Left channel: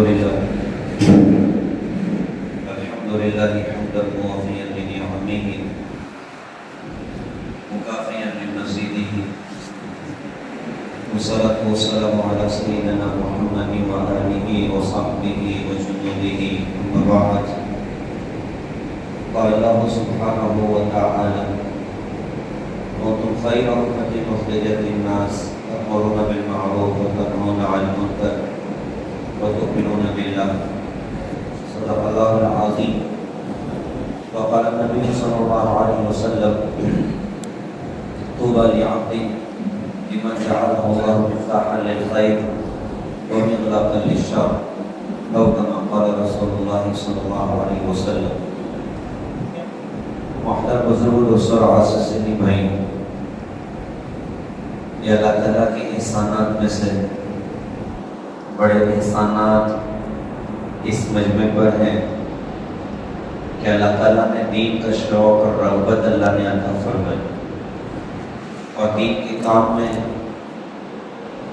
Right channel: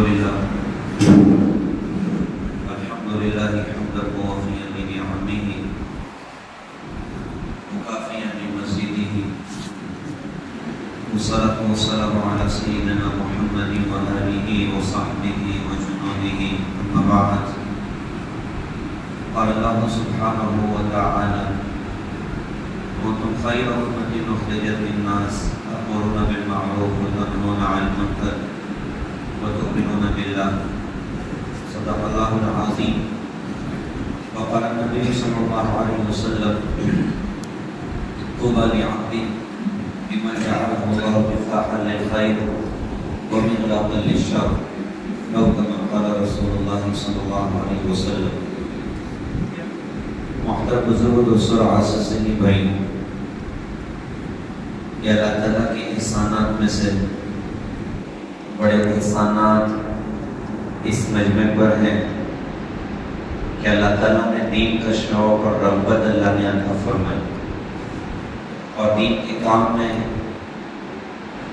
لله حمدا موافيا لنعمه مكافيا بمزيده والصلاة والسلام على سيدنا محمد وآله وصحبه وجنوده أما بعد قال الله سبحانه وتعالى كنتم خير أمة أخرجت للناس تأمرون بالمعروف وتنهون عن المنكر وتؤمنون بالله صدق الله العظيم. وقال النبي صلى الله عليه وسلم طوبى لعبد لمن جعله الله مفتاحا للخير ومغلاقا للشر أو كما قال رسول الله صلى الله عليه وسلم. محترم بزرگ دوستوں اور عزیز سنی بھائیوں، یہ اللہ تعالیٰ کے احسانات میں سے بڑے احسانات اس مجمع پر ہیں کہ اللہ تعالیٰ نے دین کا شوق اور رغبت اللہ نے عطا فرمائی اور دین کے کام میں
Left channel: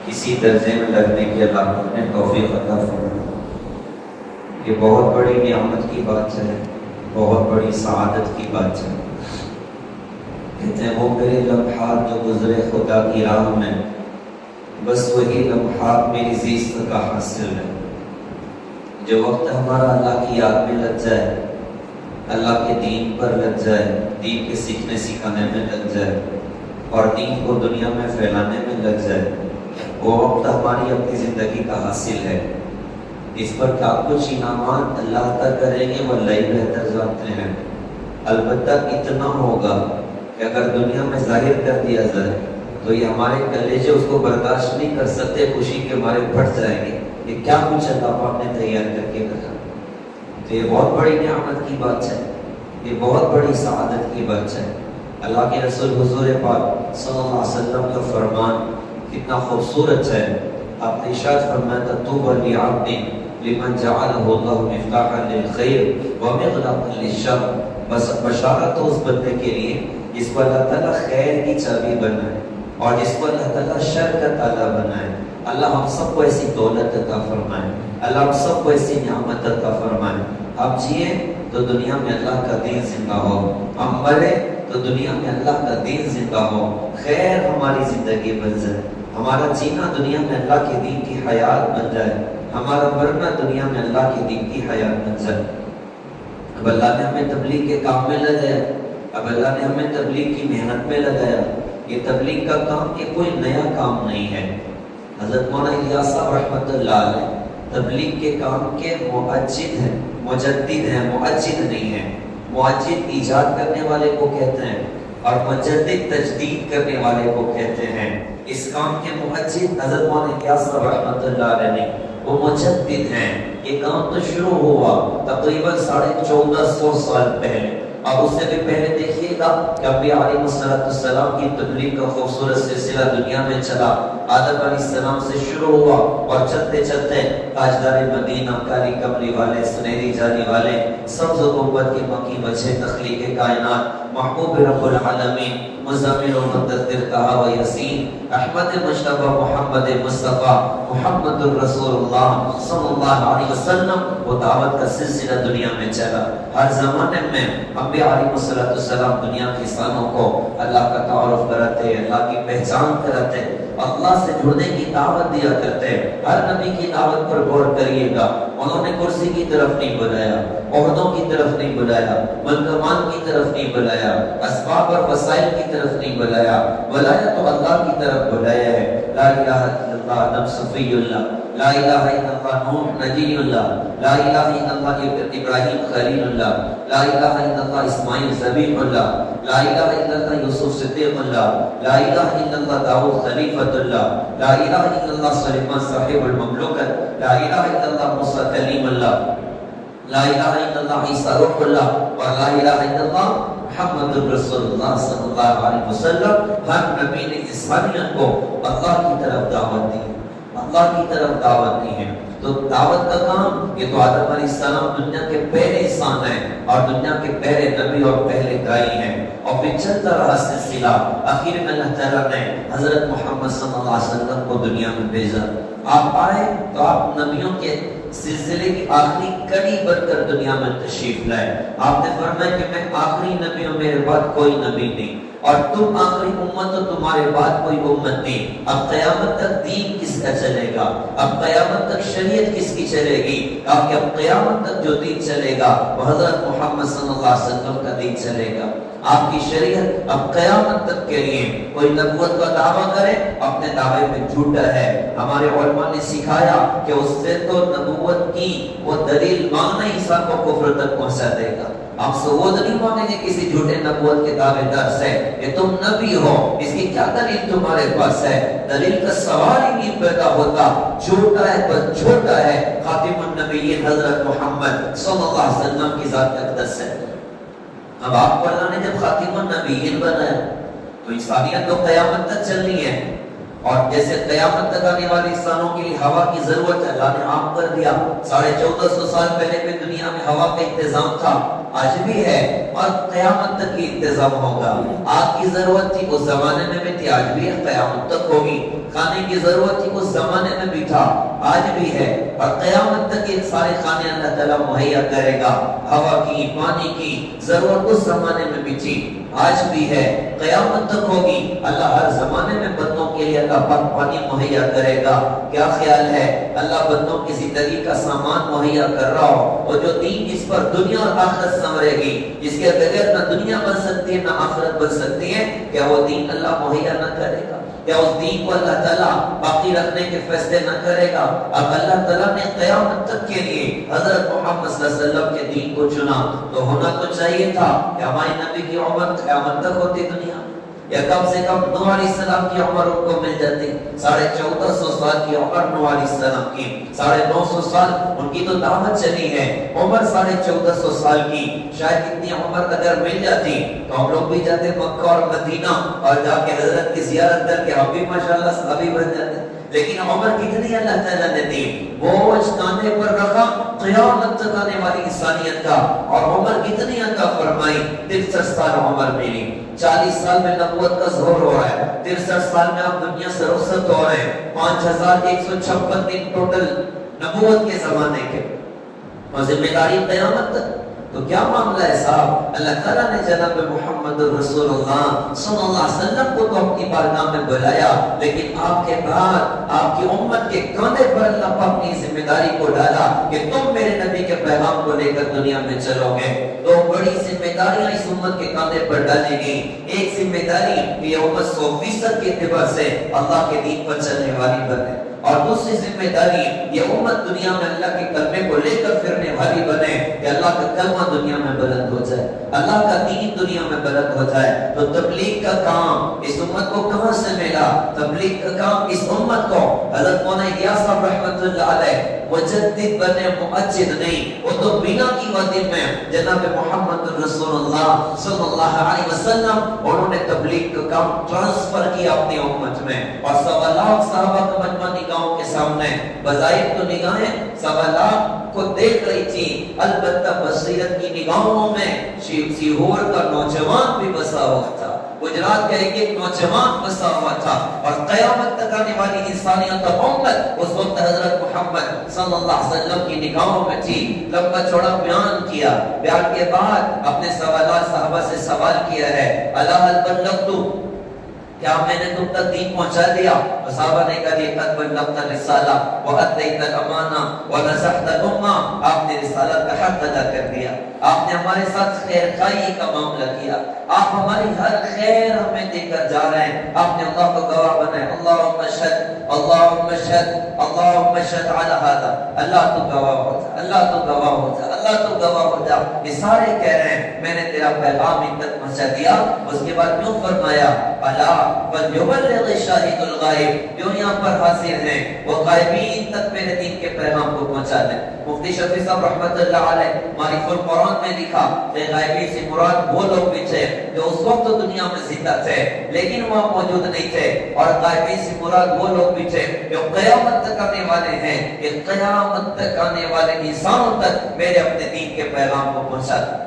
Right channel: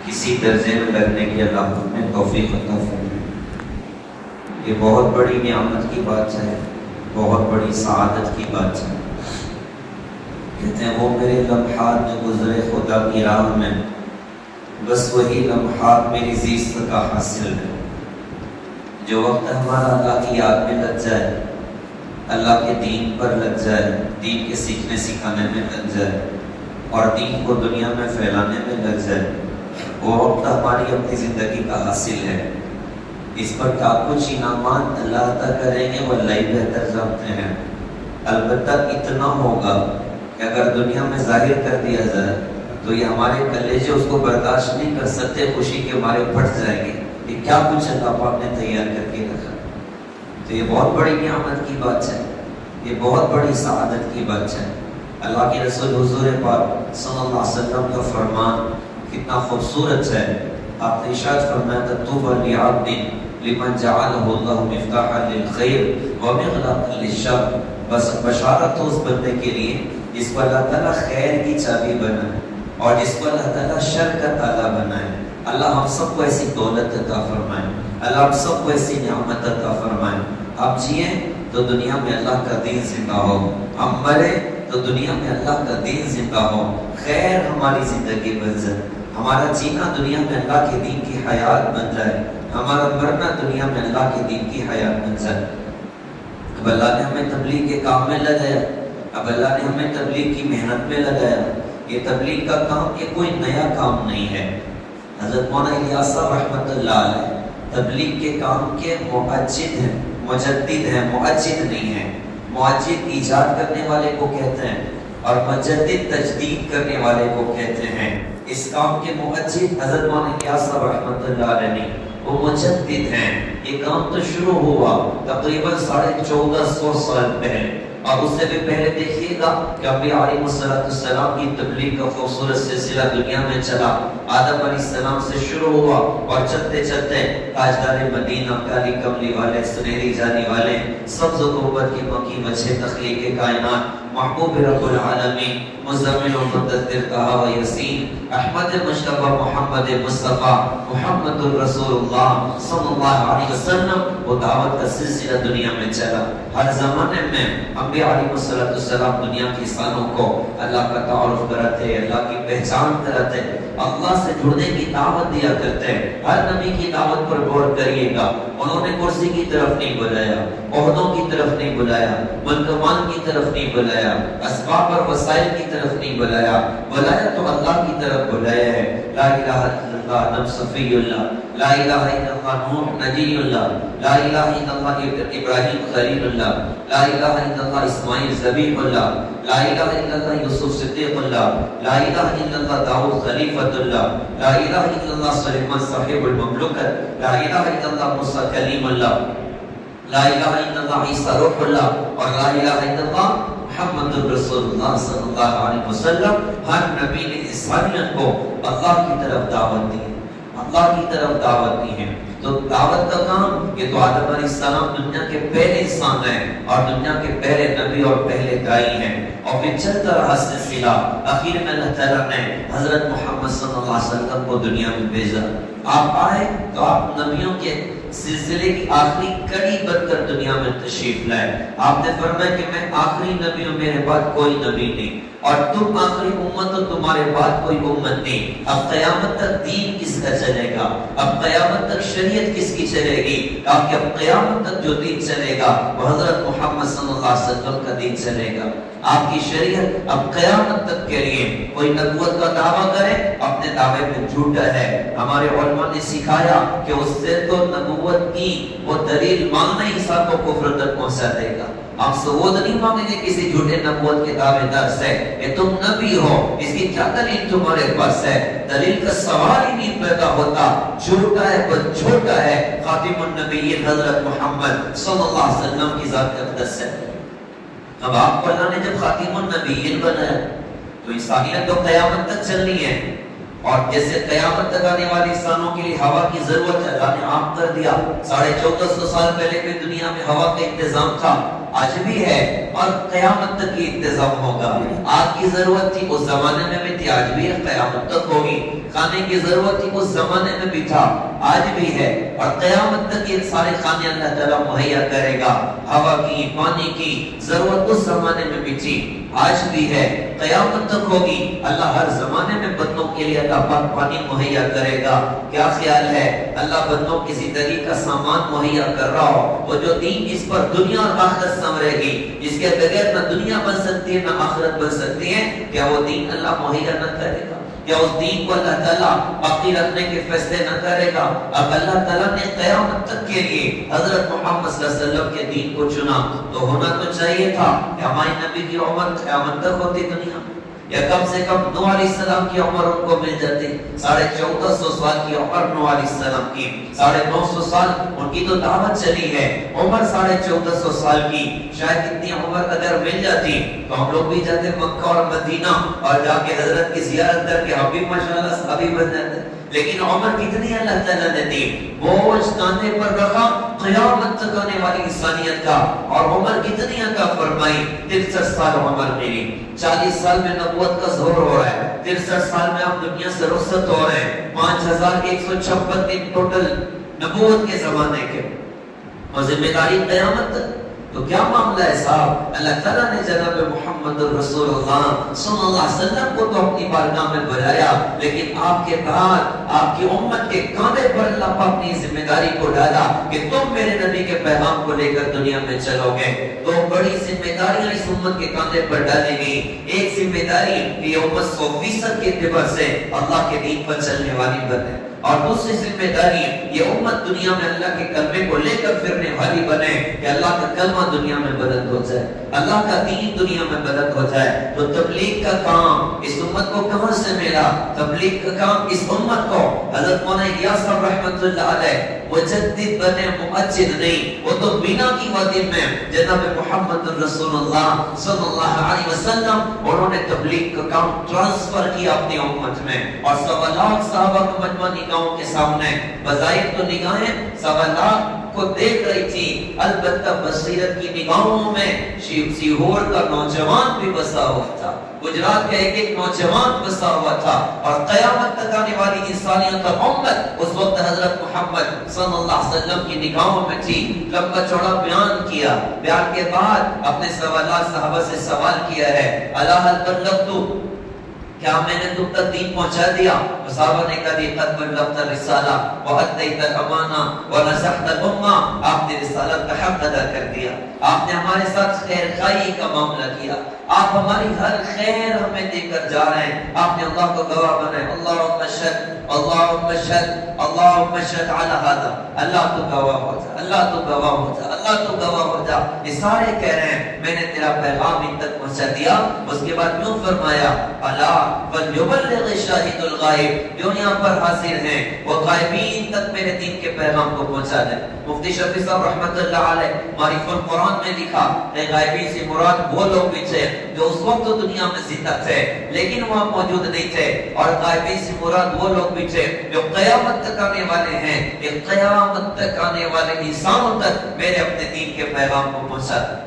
کسی درجے میں لگنے کی اللہ نے توفیق عطا فرمائی. یہ بہت بڑی نعمت کی بات ہے، بہت بڑی سعادت کی بات ہے. کہتے ہیں وہ میرے لمحات جو گزرے خدا کی راہ میں، بس وہی لمحات میری زیست کا حاصل ہے. جو وقت ہمارا اللہ کی یاد میں لگ جائے، اللہ کے دین پر لگ جائے، دین کے سیکھنے سکھانے میں لگ جائے اور دین کو دنیا میں پھیلانے میں لگ جائے، وہ وقت ہماری اپنی زندگی کا حاصل ہے. اس پر کیا کچھ انعامات اللہ عطا کریں گے وہ اللہ ہی بہتر جانتے ہیں. البتہ اتنا ہوگا کہ اگر دنیا میں ظاہر کر دیا جائے تو یہ ہمارے کلیجے اس کو برداشت نہیں کر سکتے، خوشی کے مارے پھٹ جائیں گے کہ کیا کچھ اللہ پاک نے تیار کر کے رکھا. تو یہ بہت بڑی نعمت کی بات ہے، یہ بہت بڑی سعادت کی بات ہے. اللہ کے رسول حضور پاک صلی اللہ علیہ وسلم کا فرمان کتنا خوبصورت ہے. آپ نے ارشاد فرمایا تھا طوبی لعبد لمن جعلہ اللہ مفتاحا للخیر ومغلاقا للشر. بس بشارت ہو اس بندے کے لیے جس کو اللہ تعالیٰ خیر کی چابی بنائے اور جس کو اللہ تعالیٰ شر کا تالا بنائے. اللہ ہم سب کو ایسی دولت عطا فرمائے، اللہ ہم سب کو ایسی نعمت عطا فرمائے. ہم جئیں تو دنیا میں اللہ کا دین زندہ ہو، ہم مرے تو دنیا میں اللہ کا دین زندہ ہو، خیر ہماری زندگی بن جائے. ہمارا جینا دنیا میں اللہ کے دین کی حیات بن جائے، ہمارا مرنا دنیا میں اللہ کے دین کی حیات بن جائے. اب اللہ نے ہمیں تبلیغ کے کام میں لگایا، اب اللہ نے ہمیں تبلیغ کی محنت میں لگایا. یہ تبلیغ کا کام یہ کوئی نیا کام نہیں ہے. حضرت مولانا الیاس صاحب رحمۃ اللہ علیہ تبلیغ کے کام کے مؤجد ہیں، مجدد ہیں، مؤجد نہیں ہیں. مؤجد ایجاد کرنے والے کو کہتے ہیں اور مجدد تجدید کرنے والے کو کہتے ہیں. اس کام کے مؤجد حضرت مولانا الیاس صاحب رحمۃ اللہ علیہ نے، وہ مجدد ہیں. یہ کام تو شروع ہوا تقریباً 1450 سال پہلے، اور اس سے بھی پہلے دیکھیے گا کہ انبیاء علیہ السلام کی تبلیغ کا خوبصورت سلسلہ دنیا میں چلا. آدم علیہ السلام سے شروع ہوا اور چلتے چلتے تاجدار مدینہ، کالی کملی والے، سنہری جالی والے، سبز گنبد کی مکی وجہ، تخلیق کائنات، محبوب رب العالمین، مزمل و مدثر طہ و یاسین، احمد مجتبی محمد مصطفیٰ محمد الرسول اللہ صلی اللہ علیہ وسلم. وہ دعوت کا سلسلہ دنیا میں چلا. ہر زمانے میں انبیاء علیہ السلام دنیا کے انسانوں کو اللہ کا تعارف کراتے، اللہ کی پہچان کراتے، اللہ سے جڑنے کی دعوت دیا کرتے. ہر نبی کی دعوت پر غور کریے گا، انہوں نے کرسی کی طرف نہیں بلایا، عہدوں کی طرف نہیں بلایا، منکمان کی طرف نہیں بلایا، اسباب اور وسائل کی طرف نہیں بلایا. بلایا تو اللہ کی طرف بلایا ہے. لا الہ الا اللہ آدم صفی اللہ، لا الہ الا اللہ نوح نجی اللہ، لا الہ الا اللہ ابراہیم خلیل اللہ، لا الہ الا اللہ اسماعیل ذبیح اللہ، لا الہ الا اللہ یوسف صدیق اللہ، لا الہ الا اللہ داؤد خلیفۃ اللہ، لا الہ الا اللہ سلیمان صاحب المملکت، لا الہ الا اللہ موسیٰ کلیم اللہ، لا الہ الا اللہ عیسیٰ روح اللہ، اور لا الہ الا اللہ محمد رسول اللہ صلی اللہ علیہ وسلم. ہر نبی نے انسانیت کو اللہ کی طرف دعوت دی، اللہ کی طرف دعوت دی ہے. تو دعوت کا کام یہ تو آدم علیہ السلام دنیا کے پہلے انسان ہیں اور دنیا کے پہلے نبی اور پہلے دائی ہیں. اور پھر چلتا رہا سلسلہ. آخر میں اللہ تعالیٰ نے حضرت محمد صلی اللہ علیہ وسلم کو دنیا میں بھیجا. آپ آئے تو آپ نبیوں کے سلسلے کی آخری کڑی بن کر دنیا میں تشریف لائے. آپ نے فرمایا کہ میں آخری نبی ہوں, میرے بعد کوئی نبی نہیں, اور تم آخری امت ہو, تمہارے بعد کوئی امت نہیں. اب قیامت تک دین کس کا چلے گا؟ اب قیامت تک شریعت کس کی چلے گی؟ کہ اب قیامت تک جو دین چلے گا وہ حضرت محمد صلی اللہ علیہ وسلم کا دین چلے گا. آپ کی شریعت اب قیامت تک کے لیے کوئی نبوت کا دعویٰ کرے, اپنے دعوے میں جھوٹا ہے. ہمارے علماء نے سکھایا کہ اس سے تو نبوت کی وہ دلیل مانگنا ہی انسان کو کفر تک پہنچا دے گا. آپ ثبوت نہیں مانگیں گے کسی جھوٹے نبوت کے دعوے دار سے کہ تم نبی ہو, اس کی کیا دلیل تمہارے پاس ہے؟ دلیل کا سوال ہی نہیں پیدا ہوتا. جھوٹا ہے بس جھوٹا ہے. خاتم النبیین حضرت محمد صلی اللہ علیہ وسلم کی ذات اقدس ہے. اب آپ کو اللہ نے جب خاتم النبیین بنایا تو انسانیت تو قیامت تک چلنی ہے, اور جیسے قیامت تک آنے والی انسانوں کے لیے ہوا کی ضرورت ہے, اللہ نے عام کر دیا. 1450 سال پہلے بھی دنیا میں ہوا کا انتظام تھا, آج بھی ہے, اور قیامت تک یہ انتظام ہوگا. آگ کی ضرورت تھی اس زمانے میں بھی تھی, آج بھی ہے, قیامت تک ہوگی. کھانے کی ضرورت تھی اس زمانے میں بھی تھا, آج بھی ہے, اور قیامت تک یہ سارے کھانے اللہ تعالیٰ مہیا کرے گا. ہوا کی, پانی کی ضرورت اس زمانے میں بھی تھی, آج بھی ہے, قیامت تک ہوگی. اللہ ہر زمانے میں بندوں کے لیے اللہ پاک پانی مہیا کرے گا. کیا خیال ہے اللہ بندوں کی زندگی کا سامان مہیا کر رہا ہو, اور جو دین جس پر دنیا اور آخرت سنورے گی, جس کے بغیر نہ دنیا بن سکتی ہے نہ آخرت بن سکتی ہے, کیا وہ دین اللہ مہیا نہ کرے گا؟ کیا اس دین کو اللہ تعالیٰ باقی رکھنے کے فیصلے نہ کرے گا؟ اب اللہ تعالیٰ نے قیامت تک کے لیے حضرت محمد صلی اللہ علیہ وسلم کے دین کو چنا, تو ہونا تو چاہیے تھا کہ ہماری نبی کی عمر قیامت تک ہوتی دنیا, یا کم سے کم نوح علیہ السلام کی عمر ان کو مل جاتی. 1450 سال کی عمر نوح علیہ السلام کی, 950 سال ان کی تو دعوت چلی ہے. عمر 1450 سال کی, شاید اتنی عمر اگر مل جاتی تو ہم لوگ بھی جاتے مکہ اور مدینہ, اور جا کے حضرت کی زیارت کر کے ہم بھی ماشاءاللہ صحابی بن جاتے. لیکن عمر کتنی اللہ تعالیٰ نے دی, بوجھ کاندھے پر رکھا قیامت تک آنے والی انسانیت کا, اور عمر کتنی عطا فرمائی, 63 سال عمر میری. 40 سال میں نبوت کا ظہور ہو رہا ہے, 63 سال میں آپ دنیا سے رخصت ہو رہے ہیں, 5156 دن ٹوٹل نبوت کے زمانے کے, اور ذمہ داری قیامت تک. تو کیا معاملہ ہے صاحب؟ اللہ تعالیٰ نے جناب محمد رسول اللہ صلی اللہ علیہ وسلم کو تو اپنی بارگاہ میں بلایا, لیکن آپ کے بعد آپ کی امت کے کاندھے پر اللہ اپنی ذمہ داری کو ڈالا کہ تم میرے نبی کے پیغام کو لے کر دنیا میں چلو گے. تو بڑی ذمہ داریاں اس امت کے کاندھے پر ڈالی گئی. ایک ذمہ داری یہ امت 100% کے اعتبار سے اللہ کے دین پر چلنے والی بنے, اور دوسری ذمہ داری یہ امت دنیا میں اللہ کے کلمے کو لے کر پھرنے والی بنے, کہ اللہ کا کلمہ دنیا میں بلند ہو جائے, اللہ کا دین دنیا میں بلند ہو جائے. تو تبلیغ کا کام اس امت کو کہاں سے ملا؟ تبلیغ کا کام اس امت کو حضرت مولانا الیاس صاحب رحمۃ اللہ علیہ مجدد بنے, مؤجد نہیں. وہ تو بنا کی وادی میں جناب محمد رسول اللہ صلی اللہ علیہ وسلم انہوں نے تبلیغ کا کام ٹرانسفر کیا اپنی امت میں, اور 1.25 لاکھ صحابہ کا مجمع نگاہوں کے سامنے, بظاہر تو نگاہیں 1.25 لاکھ کو دیکھ رہی تھی, البتہ بصیرت کی نگاہوں میں سیہور کا نوجوان بھی بسا ہوا تھا, گجرات کا ایک نوجوان بسا ہوا تھا, اور قیامت تک آنے والی انسانیت اور امت اس وقت حضرت محمد صلی اللہ علیہ وسلم کی نگاہوں میں تھی. لمبا چوڑا بیان کیا, بیان کے بعد اپنے 1.25 لاکھ صحابہ سے سوال کیا ہے, الا هل بلغت, کیا میں نے تم تک دین پہنچا دیا؟ صحابہ نے کہا یہ قد بلغت الرسالہ وادیت الامانہ ونصحت الامہ, آپ نے رسالت کا حق ادا کر دیا, آپ نے ہمارے ساتھ خیر خواہی کا معاملہ کیا, آپ ہماری ہر خیر ہمیں دے کر جا رہے ہیں, آپ نے اللہ کو گواہ بنائے. اللہم اشہد اللہم اشہد اللہم اشہد علی ھذا, اللہ تو گواہ ہو جا, اللہ تو گواہ ہو جا, اللہ تو گواہ ہو جا. یہ سارے کہہ رہے ہیں میں نے تیرا پیغام ان تک پہنچا دیا. اس کے بعد کیوں فرمایا الا فلیبلغ الشاہد الغائب, جو یہاں پر حاضر ہیں وہ غائبین تک میرے دین کے پیغام کو پہنچا دیں. مفتی شفیع صاحب رحمۃ اللہ علیہ معرف القرآن میں لکھا کہ غائبین سے مراد وہ لوگ بھی تھے جو اس وقت دنیا میں زندہ تھے لیکن وہاں موجود نہیں تھے, اور غائبین سے مراد وہ لوگ بھی تھے جو قیامت تک آنے والے ہیں, کہ قیامت تک آنے والے انسانوں تک میرے اپنے دین کے پیغام کو پہنچا دیں.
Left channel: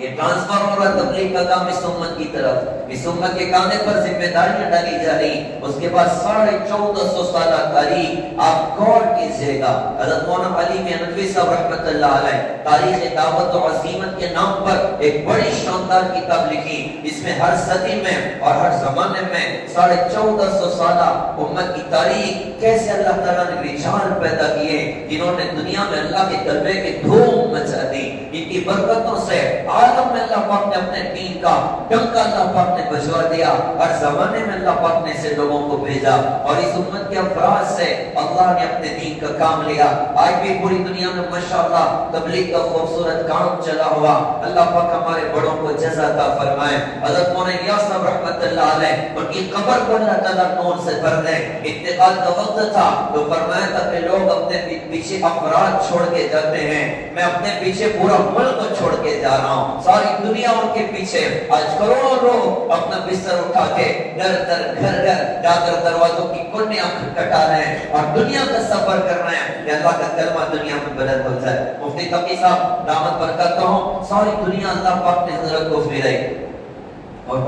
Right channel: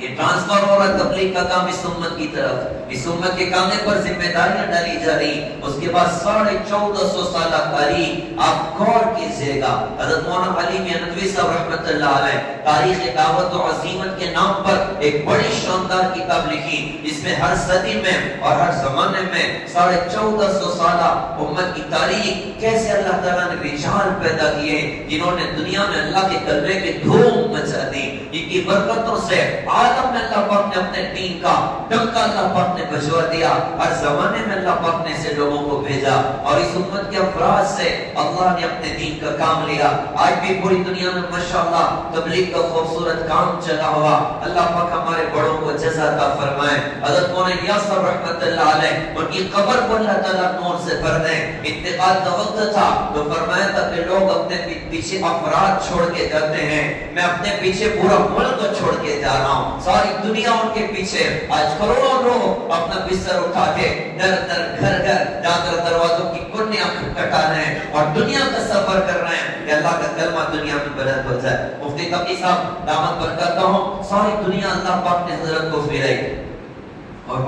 یہ ٹرانسفر ہو رہا تبلیغ کا کام اس امت کی طرف، اس امت کے کاندھے پر ذمہ داریاں ڈالی جا رہی. اس کے بعد 1450 سالہ تاریخ آپ غور کیجیے گا. حضرت مولانا علی میاں ندوی صاحب رحمۃ اللہ علیہ تاریخ دعوت و عزیمت کے نام پر ایک بڑی شاندار کتاب لکھی. اس میں ہر صدی میں اور ہر زمانے میں 1450 سالہ امت کی تاریخ کیسے اللہ تعالیٰ نے رجال پیدا کیے جنہوں نے دنیا میں اللہ کے کلمے کی دھوم مچا دی. ان کی برکتوں سے عالم میں اللہ پاک نے اپنے دین کا ڈنکا اللہ پاک نے بجوا دیا. ہر زمانے میں اللہ پاک نے سے لوگوں کو بھیجا اور اس امت کے افراد سے اللہ نے اپنے دین کا کام لیا. آج بھی پوری دنیا میں ماشاءاللہ تبلیغ کا خوبصورت کام چلا ہوا. اللہ پاک ہمارے بڑوں کو جزا عطا فرمائے. حضرت مولانا الیاس صاحب رحمۃ اللہ علیہ ان کی قبر کو اللہ تعالیٰ نور سے بھر دے. انتقال کا وقت تھا تو فرمایا تھا کہ لوگ اپنے پیچھے افراد چھوڑ کے جاتے ہیں، میں اپنے پیچھے پورا ملک چھوڑ کے جا رہا ہوں. ساری دنیا ان کے پیچھے. آج کروڑوں لوگ اپنا بستر اٹھا کے در در گھر گھر جا کر دروازوں کی کنیاں کٹا رہے ہیں اور دنیا کا سفر کر رہے ہیں کہ اللہ کا کلمہ دنیا میں بلند ہو جائے. مفتی تقی صاحب دعوت برکاتہ ہوں. ساری دنیا اللہ پاک نے حضرت کو پھیرائی اور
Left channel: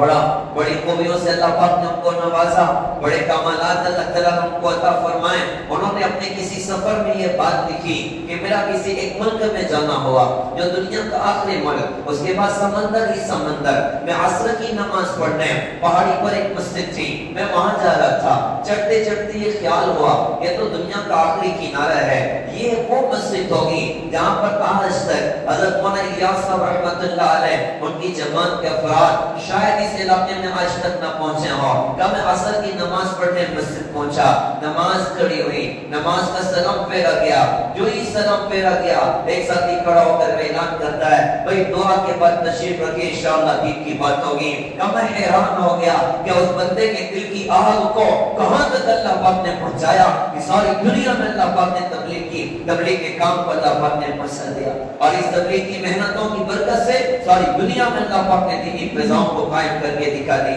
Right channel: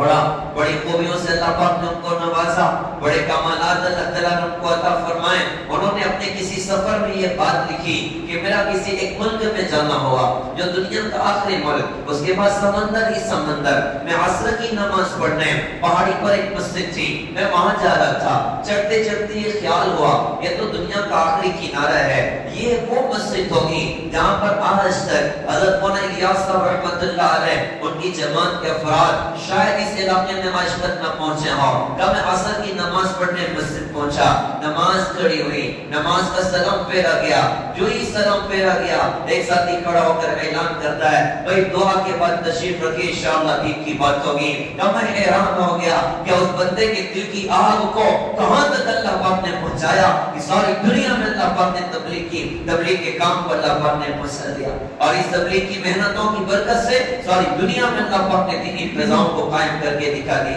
بڑی خوبیوں سے اللہ پاک نے ان کو نوازا. بڑے کمالات اللہ تعالیٰ نے ان کو عطا فرمائے. انہوں نے اپنے کسی سفر میں یہ بات لکھی کہ میرا کسی ایک ملک میں جانا ہوا جو دنیا کا آخری ملک، اس کے بعد سمندر ہی سمندر. میں عصر کی نماز پڑھنے پہاڑی پر ایک مسجد تھی، میں وہاں جا رہا تھا. چڑھتے چڑھتے یہ خیال ہوا یہ تو دنیا کا آخری کنارہ ہے، یہ وہ مسجد ہوگی جہاں پر آج تک حضرت مولانا الیاس صاحب رحمۃ اللہ علیہ ان کی جماعت کے افراد شاید اس علاقے میں آج تک نہ پہنچے ہوں. جب میں عصر کی نماز پڑھنے مسجد پہنچا، نماز کھڑی ہوئی، نماز کا سلام پھیرا گیا. جو ہی سلام پھیرا گیا ایک ساتھی کھڑا ہو کر اعلان کرتا ہے بھائی دعا کے بعد تشریف رکھیے انشاءاللہ دین کی بات ہوگی. میں حیران ہو گیا کہ اس بندے کے دل کی آگ کو کہاں تک اللہ پاک نے پہنچایا کہ ساری دنیا میں اللہ پاک نے تبلیغ کے کام کو اللہ پاک نے مسا دیا. اور اس تبلیغ کی محنتوں کی برکت سے ساری دنیا میں اللہ پاک نے دینی فضاؤں کو قائم کر کے دکھا دی.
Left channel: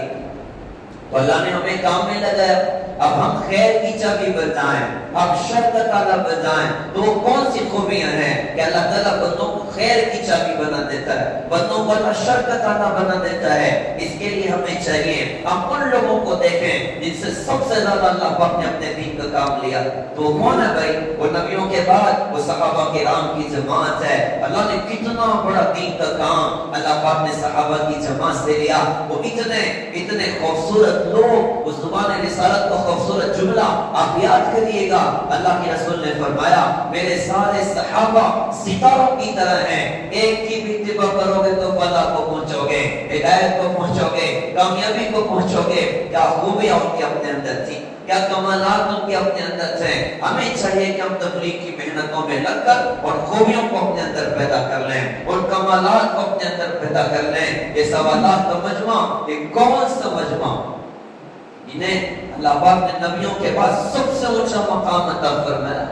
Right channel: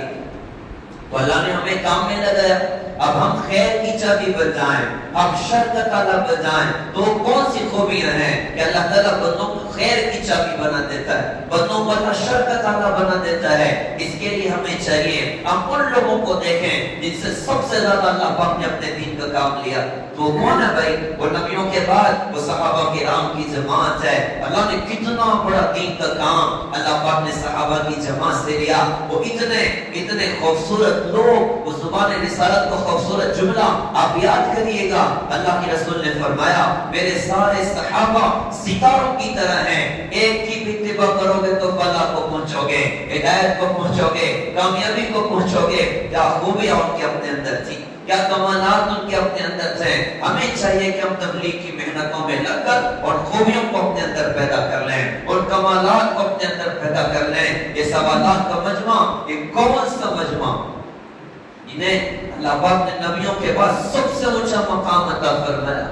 تو اللہ نے ہمیں کام میں لگایا. اب ہم خیر کی چابی بجائیں، اب شر کا تالا بجائیں. تو کون سی خوبیاں ہیں کہ اللہ تعالیٰ بندوں کو خیر کی چابی بنا دیتا ہے، بندوں کو اللہ شر کا تالا بنا دیتا ہے. اس کے لیے ہمیں چاہیے ہم ان لوگوں کو دیکھیں جن سے سب سے زیادہ اللہ پاک نے اپنے دین کا کام لیا. تو کون ہے بھائی؟ وہ نبیوں کے بعد وہ صحابہ کرام کی جماعت ہے. اللہ نے کتنا بڑا دین کا کام اللہ پاک نے صحابہ کی جماعت سے لیا. وہ اتنے خوبصورت لوگ، اس زبان رسالت کو خوبصورت جملہ آپ یاد کریے گا. اللہ کے رسول نے فرمایا میرے سارے صحابہ ستاروں کی طرح ہیں، ایک کی بھی اتباع کرو گے تو فلاح کو پہنچو گے، ہدایت کو پہنچو گے، کامیابی کو پہنچو گے. کیا خوبیاں ان کے اپنے اندر تھی، کیا کمالات ان کے اپنے اندر تھے. ہمیں چاہیے کہ ہم تبلیغ کی محنتوں میں لگ کر اور خوبیوں کو اپنے اندر پیدا کر لیں اور کمالات کو اپنے اندر پیدا کر لیں. یہ سوالات کا مجمع، یہ کون سا مجمع جنہیں اللہ پاک نے نبیوں کے بعد سب سے اونچا مقام عطا فرمایا.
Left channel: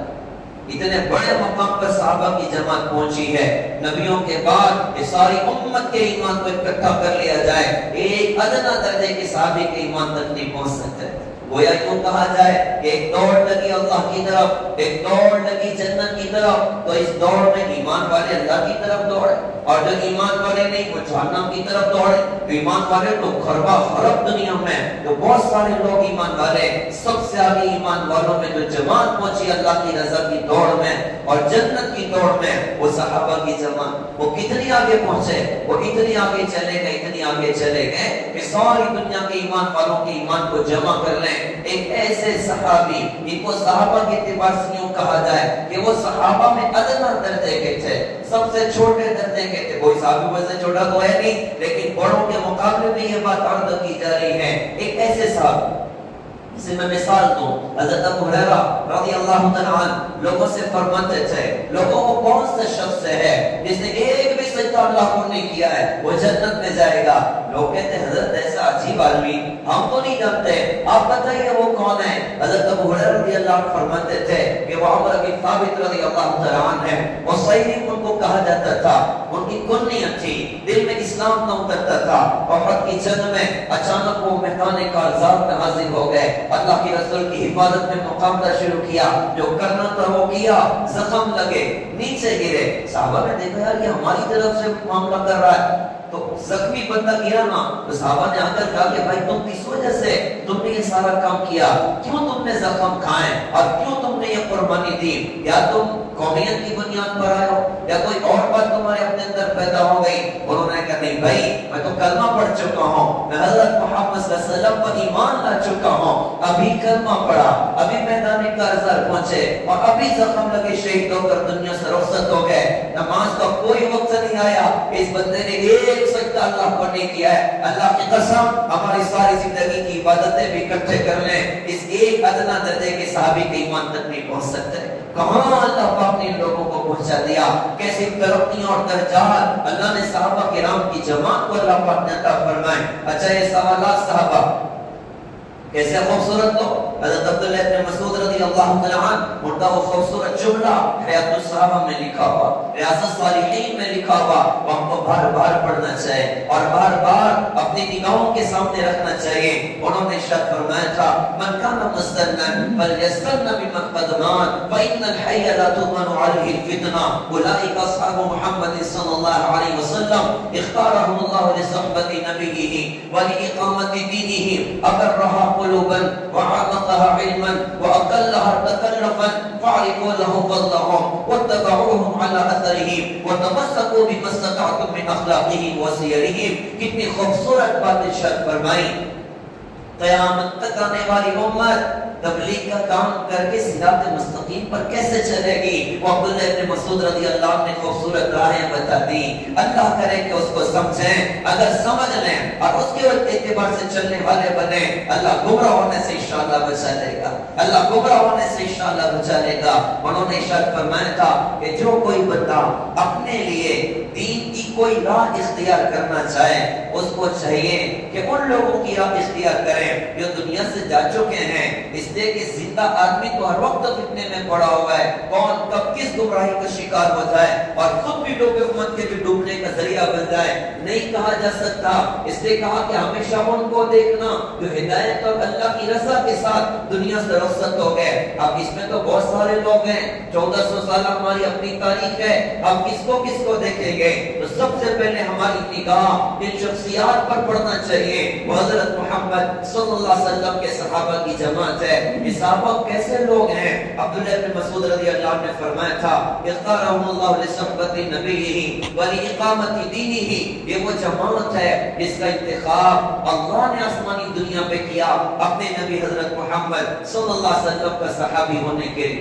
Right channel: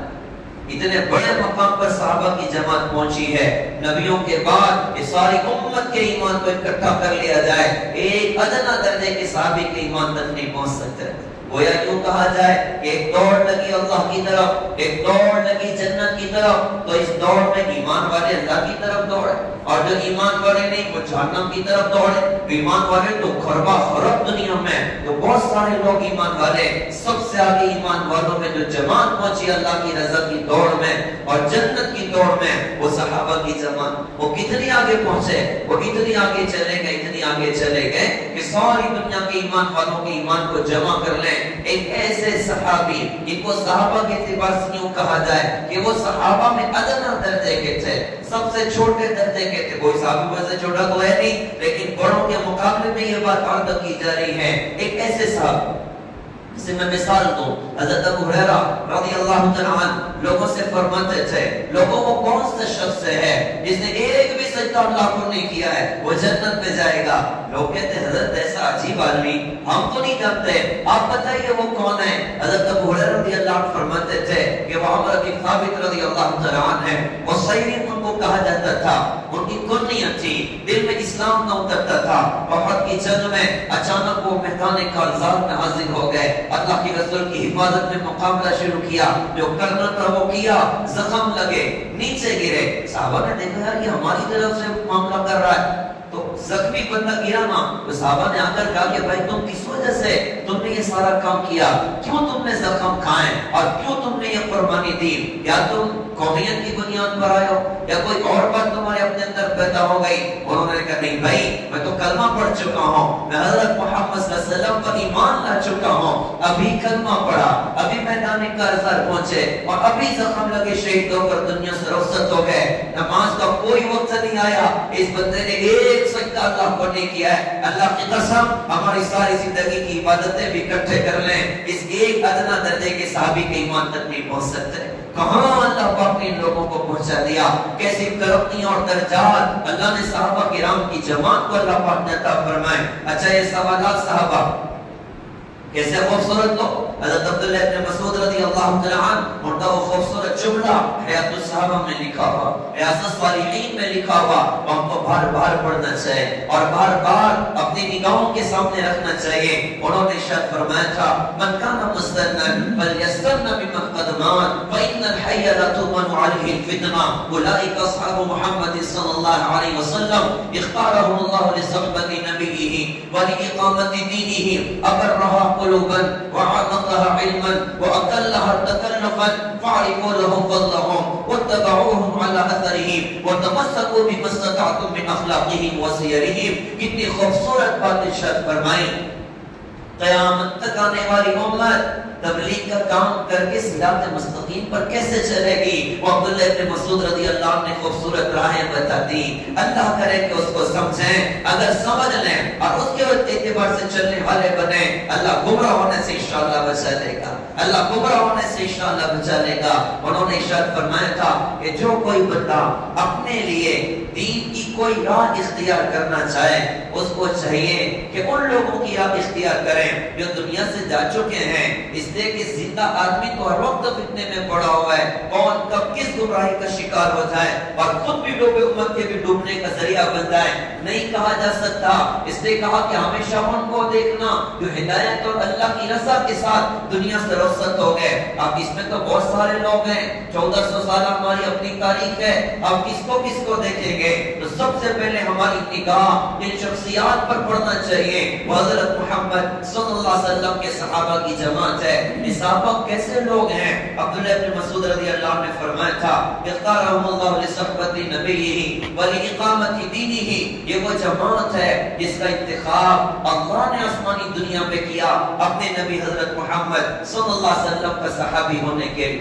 اتنے بڑے مقام پر صحابہ کی جماعت پہنچی ہے. نبیوں کے بعد یہ ساری امت کے ایمان کو اکٹھا کر لیا جائے، ایک ادنا درجے کے صحابی کے ایمان تک نہیں پہنچ سکتے. گویا یوں کہا جائے کہ ایک دوڑ لگی اللہ کی طرف، ایک دوڑ لگی جنت کی طرف. تو اس دوڑ میں ایمان والے اللہ کی طرف دوڑے اور جو ایمان والے نہیں وہ جہنم کی طرف دوڑے. ایمان والے تو خربہ خرب دنیا میں تو بہت سارے لوگ ایمان والے، سب سے آگے ایمان والوں میں جو جماعت پہنچی اللہ کی رضا کی دوڑ میں اور جنت کی دوڑ میں وہ صحابہ کی جماعت. وہ کتنی آگے پہنچے، وہ اتنی آگے چلے گئے، اتنی آگے چلے گئے کہ ساری دنیا کے ایمان والوں کے ایمان کو جمع کر لیں. ایک ایسے صحابی جن کو صحابہ کے اعتبار سے یوں کہا جائے کہ وہ صحابہ میں ادنا درجے کے تھے، سب سے چھوٹے درجے کے تھے. کوئی صحابی ویسے چھوٹا تو ہے نہیں، لیکن بڑوں کے مقابلے میں یہ بات عرض کی جا رہی ہے. ایک ایسے صحابی سے میں مثال دوں، حضرت ابو ہریرہ رضی اللہ تعالیٰ عنہ لوگوں سے فرماتے تھے لوگوں کو کون سا شخص ہے جس نے ایک بھی سجدہ اللہ کو نہیں کیا ہے وہ جنت میں جائے گا. لوگ کہتے ہیں حضرت ایسا عجیب آدمی ہم تو نہیں جانتے، آپ بتائیے وہ کون ہے. حضرت ابو ہریرہ رضی اللہ عنہ فرماتے تھے کہ وہ عمر بن ثابت رضی اللہ تعالیٰ عنہ ہے. وہ صحیح ان کو کہا جاتا تھا، ان کی کنیت تھی، دل میں اسلام نہ اترتا تھا. احد کی جنگ میں اچانک وہ میدان کارزار میں حاضر ہو گئے، اللہ کے رسول کی حفاظت میں مقابلہ شروع کیا. جو کرنا تھا وہ کیا، زخم لگے، نیچے گرے. صحابہ نے دیکھا کہ ہماری طرف سے معاملہ کر رہا ہے. تو زخمی بندہ گرا نا تو صحابہ نے آ کر کہا کہ بھائی تم کس وجہ سے تم نے یہ سارا کام کیا، کیوں تم نے زخم کھائے اور کیوں تم نے یہ قربانی دی؟ یا تم قومیت کی بنیاد پر آئے ہو یا کوئی اور بات تمہارے اپنے اندر پیدا ہو گئی؟ انہوں نے کہا نہیں بھائی میں تو کلمہ پڑھ چکا ہوں، میں حضرت محمد صلی اللہ علیہ وسلم پر ایمان لا چکا ہوں، ابھی کلمہ پڑھا، ابھی میدان کارزار پہنچے اور ابھی زخم لگے شہید ہو کر دنیا سے رخصت ہو گئے، نماز کا کوئی وقت نہیں آیا، اس بندے نے ایک سجدہ اللہ کو نہیں کیا ہے۔ اللہ کی قسم ہماری ساری زندگی کی عبادتیں بھی اکٹھے کر لیں، اس ایک ادنا درجے کے صحابی کے ایمان تک نہیں پہنچ سکتے۔ کہاں اللہ پاک نے ان لوگوں کو پہنچا دیا، کیسی ترقی اور درجات اللہ نے صحابہ کرام کی جماعت کو اللہ پاک نے عطا فرمائے۔ اچھا یہ سوالات صحابہ کیسے خوبصورت تو حضرت عبداللہ ابن مسعود رضی اللہ تعالیٰ عنہ ان کا وہ خوبصورت جملہ حیات الصحابہ میں لکھا ہوا، ریاض الصالحین میں لکھا ہوا، وہ ہم کو بار بار پڑھنا چاہیے اور بار بار اپنی نگاہوں کے سامنے رکھنا چاہیے۔ انہوں نے ارشاد فرمایا تھا من کان مستنن فلیستن بمن قد مات فإن الحي لا تؤمن عليه الفتنة أولئك أصحاب محمد صلى الله عليه وسلم اختارهم الله لصحبة نبيه ولإقامة دينه أبرها قلوبا وعمقها علما وأقلها تكلفا فاعرفوا لهم فضلهم واتبعوهم على أثرهم وتمسكوا بما استطعتم من أخلاقهم وسيرهم۔ کتنی خوبصورت بات ارشاد فرمائی، قیامت تک آنے والی امت تبلیغ کا کام کر کے صراط مستقیم پر کیسے چلے گی؟ وہ عبداللہ ابن مسعود رضی اللہ عنہ نے خوبصورت راہیں بتا دی۔ اللہ کرے کہ اس کو سمجھیں، اگر سمجھ لیں اور اس کے اعتبار سے چلنے والے بنے، اللہ گمراہ ہونے سے انشاءاللہ بچا لے گا، اللہ گمراہ ہونے سے انشاءاللہ بچا لے گا۔ انہوں نے ارشاد فرمایا تھا کہ جو کوئی بندہ اپنے لیے دین کی کوئی راہ اختیار کرنا چاہے اس کو چاہیے کہ ان لوگوں کی راہ اختیار کریں جو دنیا سے جا چکے ہیں، اس لیے کہ زندہ آدمی تو ہر وقت فتنے میں پڑا ہوا ہے، کون کب کس گمراہی کا شکار ہو جائے اور خود بھی ڈوبے امت کے بھی ڈوبنے کا ذریعہ بن جائے نہیں کہا جا سکتا۔ اس لیے کہا کہ ہمیشہ ان کو دیکھنا جو ہدایت اور اللہ کی رضا کے ساتھ دنیا سے رخصت ہو گئے۔ اب اس میں تو بہت سارے لوگ ہیں، 1400 سال ہماری اپنی تاریخ ہے، اب کس کو دیکھیں گے؟ تو سب سے پہلے ہماری نگاہ ان شخصیات پر پڑنا چاہیے۔ حضرت محمد صلی اللہ علیہ وسلم کے صحابہ کی جماعت ہے۔ یہ صحابہ کیسے لوگ ہیں؟ عبداللہ ابن مسعود رضی اللہ عنہ نے فرمایا تھا اختارهم اللہ لصحبت نبیہ ولاقامت دینہ، یہ وہ جماعت ہے جس کا انتخاب اللہ نے آسمانی دنیا پہ کیا اپنے نبی حضرت محمد صلی اللہ علیہ وسلم کا صحابی ہونے کے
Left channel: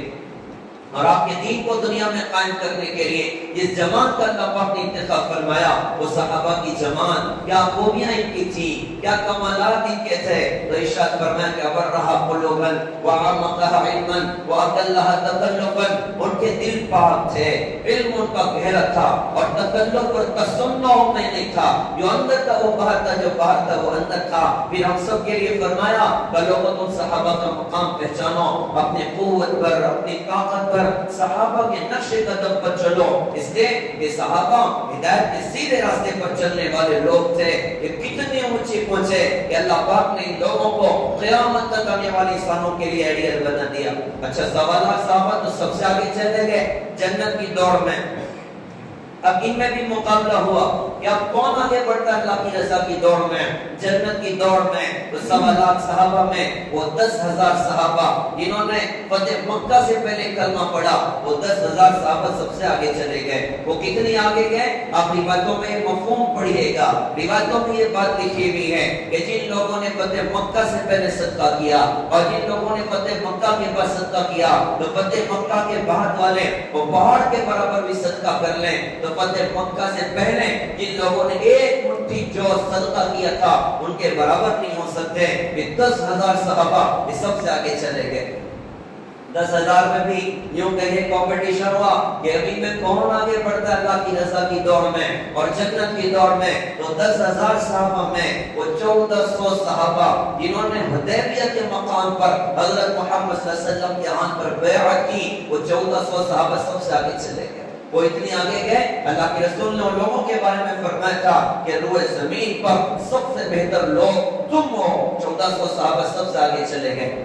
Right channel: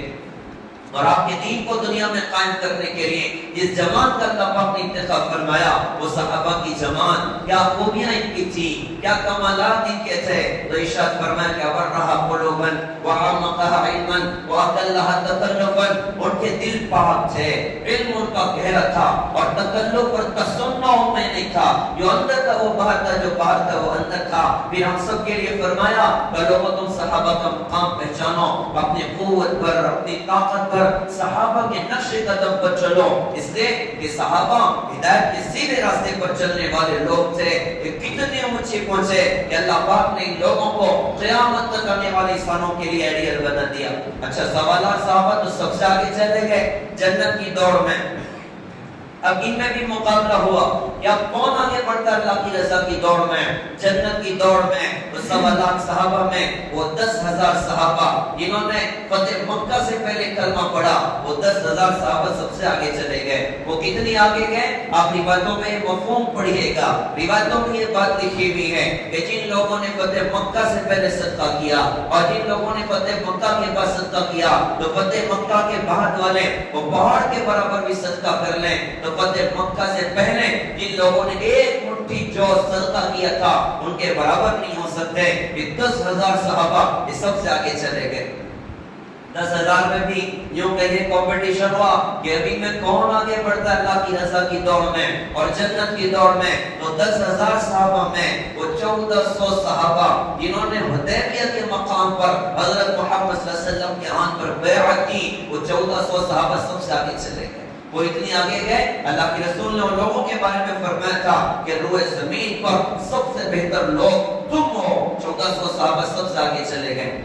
اور آپ کے دین کو دنیا میں قائم کرنے کے لیے جس جماعت کا اللہ پاک نے انتخاب فرمایا وہ صحابہ کی جماعت۔ کیا خوبیاں ان کی تھی، کیا کمالات ان کے تھے؟ تو ارشاد فرمایا کہ ابرھا قلوبا وعمقها علما واقلها تکلفا، ان کے دل پاک تھے، علم ان کا گہرا تھا اور تکلف اور تسنع میں نہیں تھا، جو اندر تھا وہ باہر تھا، جو باہر تھا وہ اندر تھا۔ پھر ہم سب کے لیے فرمایا کہ لوگوں تم صحابہ کا مقام پہچانو، اپنی قوت پر، اپنی طاقت پر، صحابہ کے نقش قدم پر چلو، اس لیے کہ صحابہ ہدایت کے سیدھے راستے پر چلنے والے لوگ تھے۔ یہ کتنے اونچے پہنچے کہ اللہ پاک نے ان لوگوں کو قیامت تک آنے والی انسانوں کے لیے ایڈیل بنا دیا۔ اچھا سوالات صحابہ تو سب سے آگے چلے گئے جنت کی دوڑ میں۔ اب ان میں بھی مقابلہ ہوا کہ اب کون آگے بڑھتا ہے اللہ کی رضا کی دوڑ میں، جنت کی دوڑ میں۔ تو 1.25 لاکھ صحابہ میں وہ 10,000 صحابہ جنہوں نے فتح مکہ سے پہلے کلمہ پڑھا، وہ 10,000 صحابہ سب سے آگے چلے گئے۔ وہ کتنی آگے گئے؟ آپ روایتوں میں یہ مفہوم پڑھیے گا، روایتوں میں یہ بات لکھی ہوئی ہے کہ جن لوگوں نے فتح مکہ سے پہلے صدقہ کیا اور جن لوگوں نے فتح مکہ کے بعد صدقہ کیا تو فتح مکہ کے بعد والے وہ پہاڑ کے برابر بھی صدقہ کر لیں۔ تو فتح مکہ سے پہلے جن لوگوں نے ایک مٹھی جو صدقہ کیا تھا ان کے برابر نہیں ہو سکتے۔ یہ 10,000 صحابہ یہ سب سے آگے چلے گئے۔ 10,000 میں بھی یوں کہیے کمپٹیشن ہوا کہ ابھی میں کون آگے بڑھتا ہے اللہ کی رضا کی دوڑ میں اور جنت کی دوڑ میں۔ تو 10,000 صحابہ میں وہ 1400 صحابہ جنہوں نے حدیبیہ کے مقام پر حضرت محمد صلی اللہ علیہ وسلم کے آن پر بیعت کی، وہ 1400 صحابہ سب سے آگے چلے گئے۔ وہ اتنی آگے گئے، اللہ کے رسول نے ان لوگوں کے بارے میں فرمایا تھا کہ روئے زمین پر سب سے بہتر لوگ تم ہو۔ 1400 صحابہ سب سے آگے چلے گئے۔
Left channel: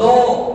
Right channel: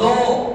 2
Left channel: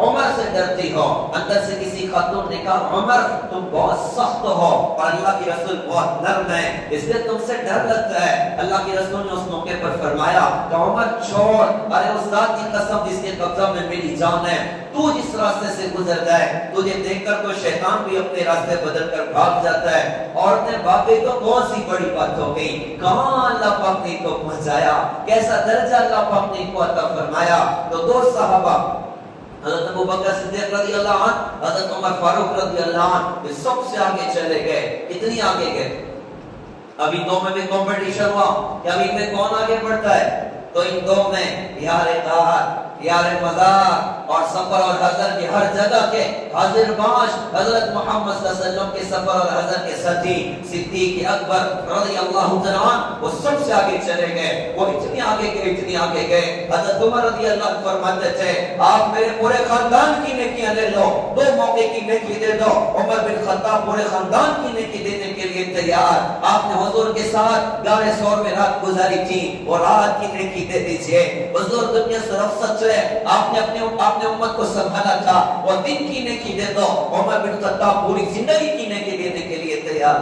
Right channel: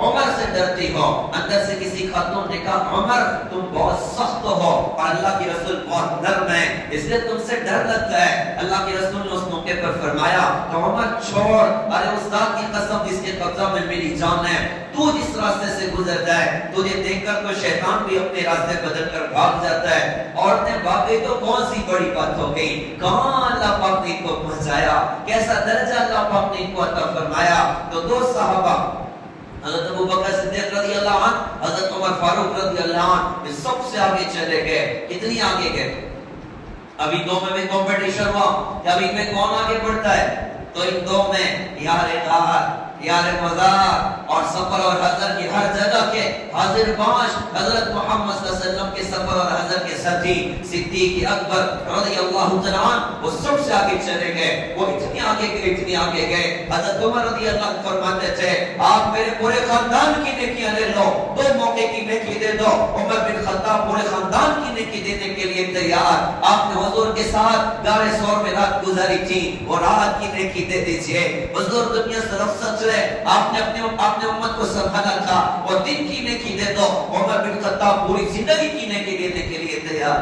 عمر سے ڈرتی ہو. اندر سے کسی خاتون نے کہا عمر تم بہت سخت ہو اور اللہ کے رسول بہت نرم ہے، اس لیے تم سے ڈر لگتا ہے. اللہ کے رسول نے اس موقع پر فرمایا کہ عمر چھوڑ، ارے اس ذات کی قسم جس کے قبضہ میں میری جان ہے، تو جس راستے سے گزرتا ہے تجھے دیکھ کر تو شیطان بھی اپنے راستے بدل کر بھاگ جاتا ہے. عورتیں بھاگے تو کون سی بڑی بات ہو گئی، کہاں اللہ پاک نے ان کو پہنچایا، کیسا درجہ اللہ پاک نے ان کو عطا فرمایا. تو دو صحابہ حضرت ابو بکر صدیق رضی اللہ عنہ، حضرت عمر فاروق رضی اللہ عنہ، یہ سب سے آگے چلے گئے. اتنی آگے گئے، ابھی دو میں بھی کمپٹیشن ہوا کہ ابھی میں کون آگے بڑھتا ہے. تو ان دو میں یار قہر، یار مزار اور سفر اور حضر کی ہر جگہ کے حاضر باش حضرت محمد صلی اللہ علیہ وسلم کے سفر اور حضر کے ساتھی صدیق اکبر رضی اللہ تعالیٰ عنہ وہ سب سے آگے چلے گئے. وہ اتنی آگے گئے، اتنی آگے گئے. حضرت عمر رضی اللہ عنہ فرماتے تھے آپ میرے پورے خاندان کی نیکیاں لے لو، دو موقع کی نیکی دے دو. عمر بن خطاب پورے خاندان کی نیکی دینے کے لیے تیار. آپ نے حضور کے ساتھ غار ثور میں رات گزاری تھی، وہ رات کی نیکی دے دیجئے. حضور دنیا سے رخصت ہوئے، آپ نے اپنے امت کو سنبھالا تھا، وہ دن کی نیکی دے دو. عمر بن خطاب پوری زندگی کی نیکی دینے کے لیے تیار.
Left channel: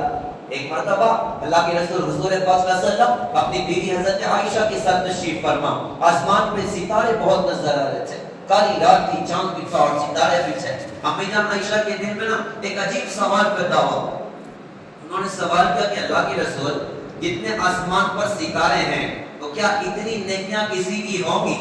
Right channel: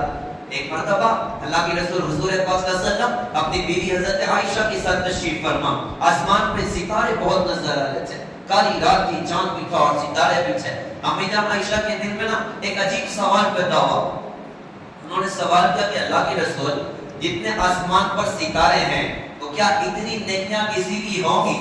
ایک مرتبہ اللہ کے رسول حضور پاک صلی اللہ علیہ وسلم اپنی بیوی حضرت عائشہ کے ساتھ تشریف فرما. آسمان پہ ستارے بہت نظر آ رہے تھے، کالی رات کی، چاند بھی تھا اور ستارے بھی تھے. امی جان عائشہ کے دل میں نا ایک عجیب سوال پیدا ہوا. انہوں نے سوال کیا کہ اللہ کے رسول جتنے آسمان پر ستارے ہیں تو کیا اتنی نیکیاں کسی کی ہوں گی؟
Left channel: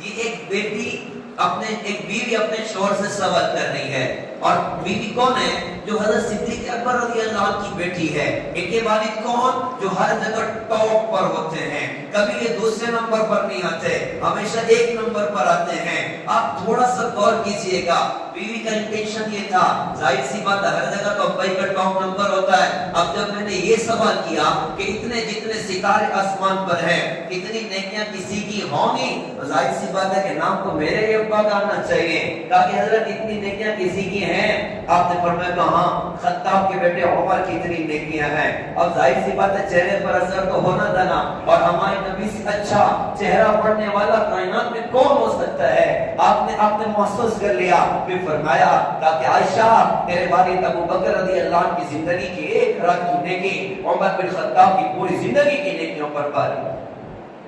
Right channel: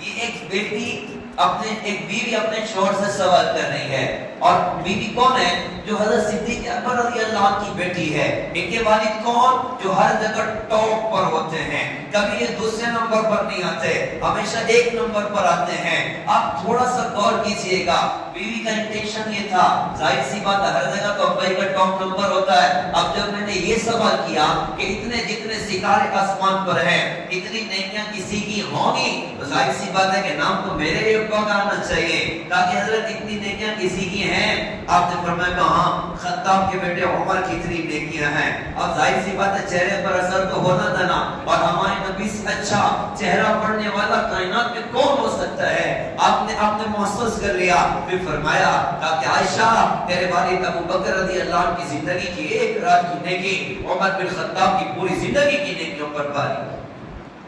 یہ ایک بیوی اپنے شوہر سے سوال کر رہی ہے. اور بیوی کون ہے؟ جو حضرت صدیق اکبر رضی اللہ عنہ کی بیٹی ہے. ان کے والد کون؟ جو ہر جگہ ٹاپ پر ہوتے ہیں، کبھی یہ دوسرے نمبر پر نہیں آتے، ہمیشہ ایک نمبر پر آتے ہیں. آپ تھوڑا سا غور کیجئے گا، بیوی کا انٹینشن یہ تھا، ظاہر سی بات ہے ہر جگہ تو بھائی کا ٹاپ نمبر ہوتا ہے. اب جب میں نے یہ سوال کیا کہ جتنے ستارے آسمان پر ہیں اتنی نیکیاں کسی کی ہوں گی، تو ظاہر سی بات ہے کہ نام تو میرے ابا کا آنا چاہیے. کہا کہ حضرت اتنی نیکیاں کسی کی ہیں؟ آپ نے فرمایا کہاں خطاب کے بیٹے عمر کی اتنی نیکیاں ہیں. اب ظاہر سی بات ہے چہرے پر اثر تو ہونا تھا نا، اور ہمارے نبی سے اچھا چہرہ پڑھنے والا کائنات میں کون ہو سکتا ہے. آپ نے محسوس کر لیا. پھر فرمایا کہ عائشہ تیرے والد ابو بکر رضی اللہ عنہ کی زندگی کی ایک رات کی نیکی عمر بن خطاب کی پوری زندگی کی نیکیوں پر باری.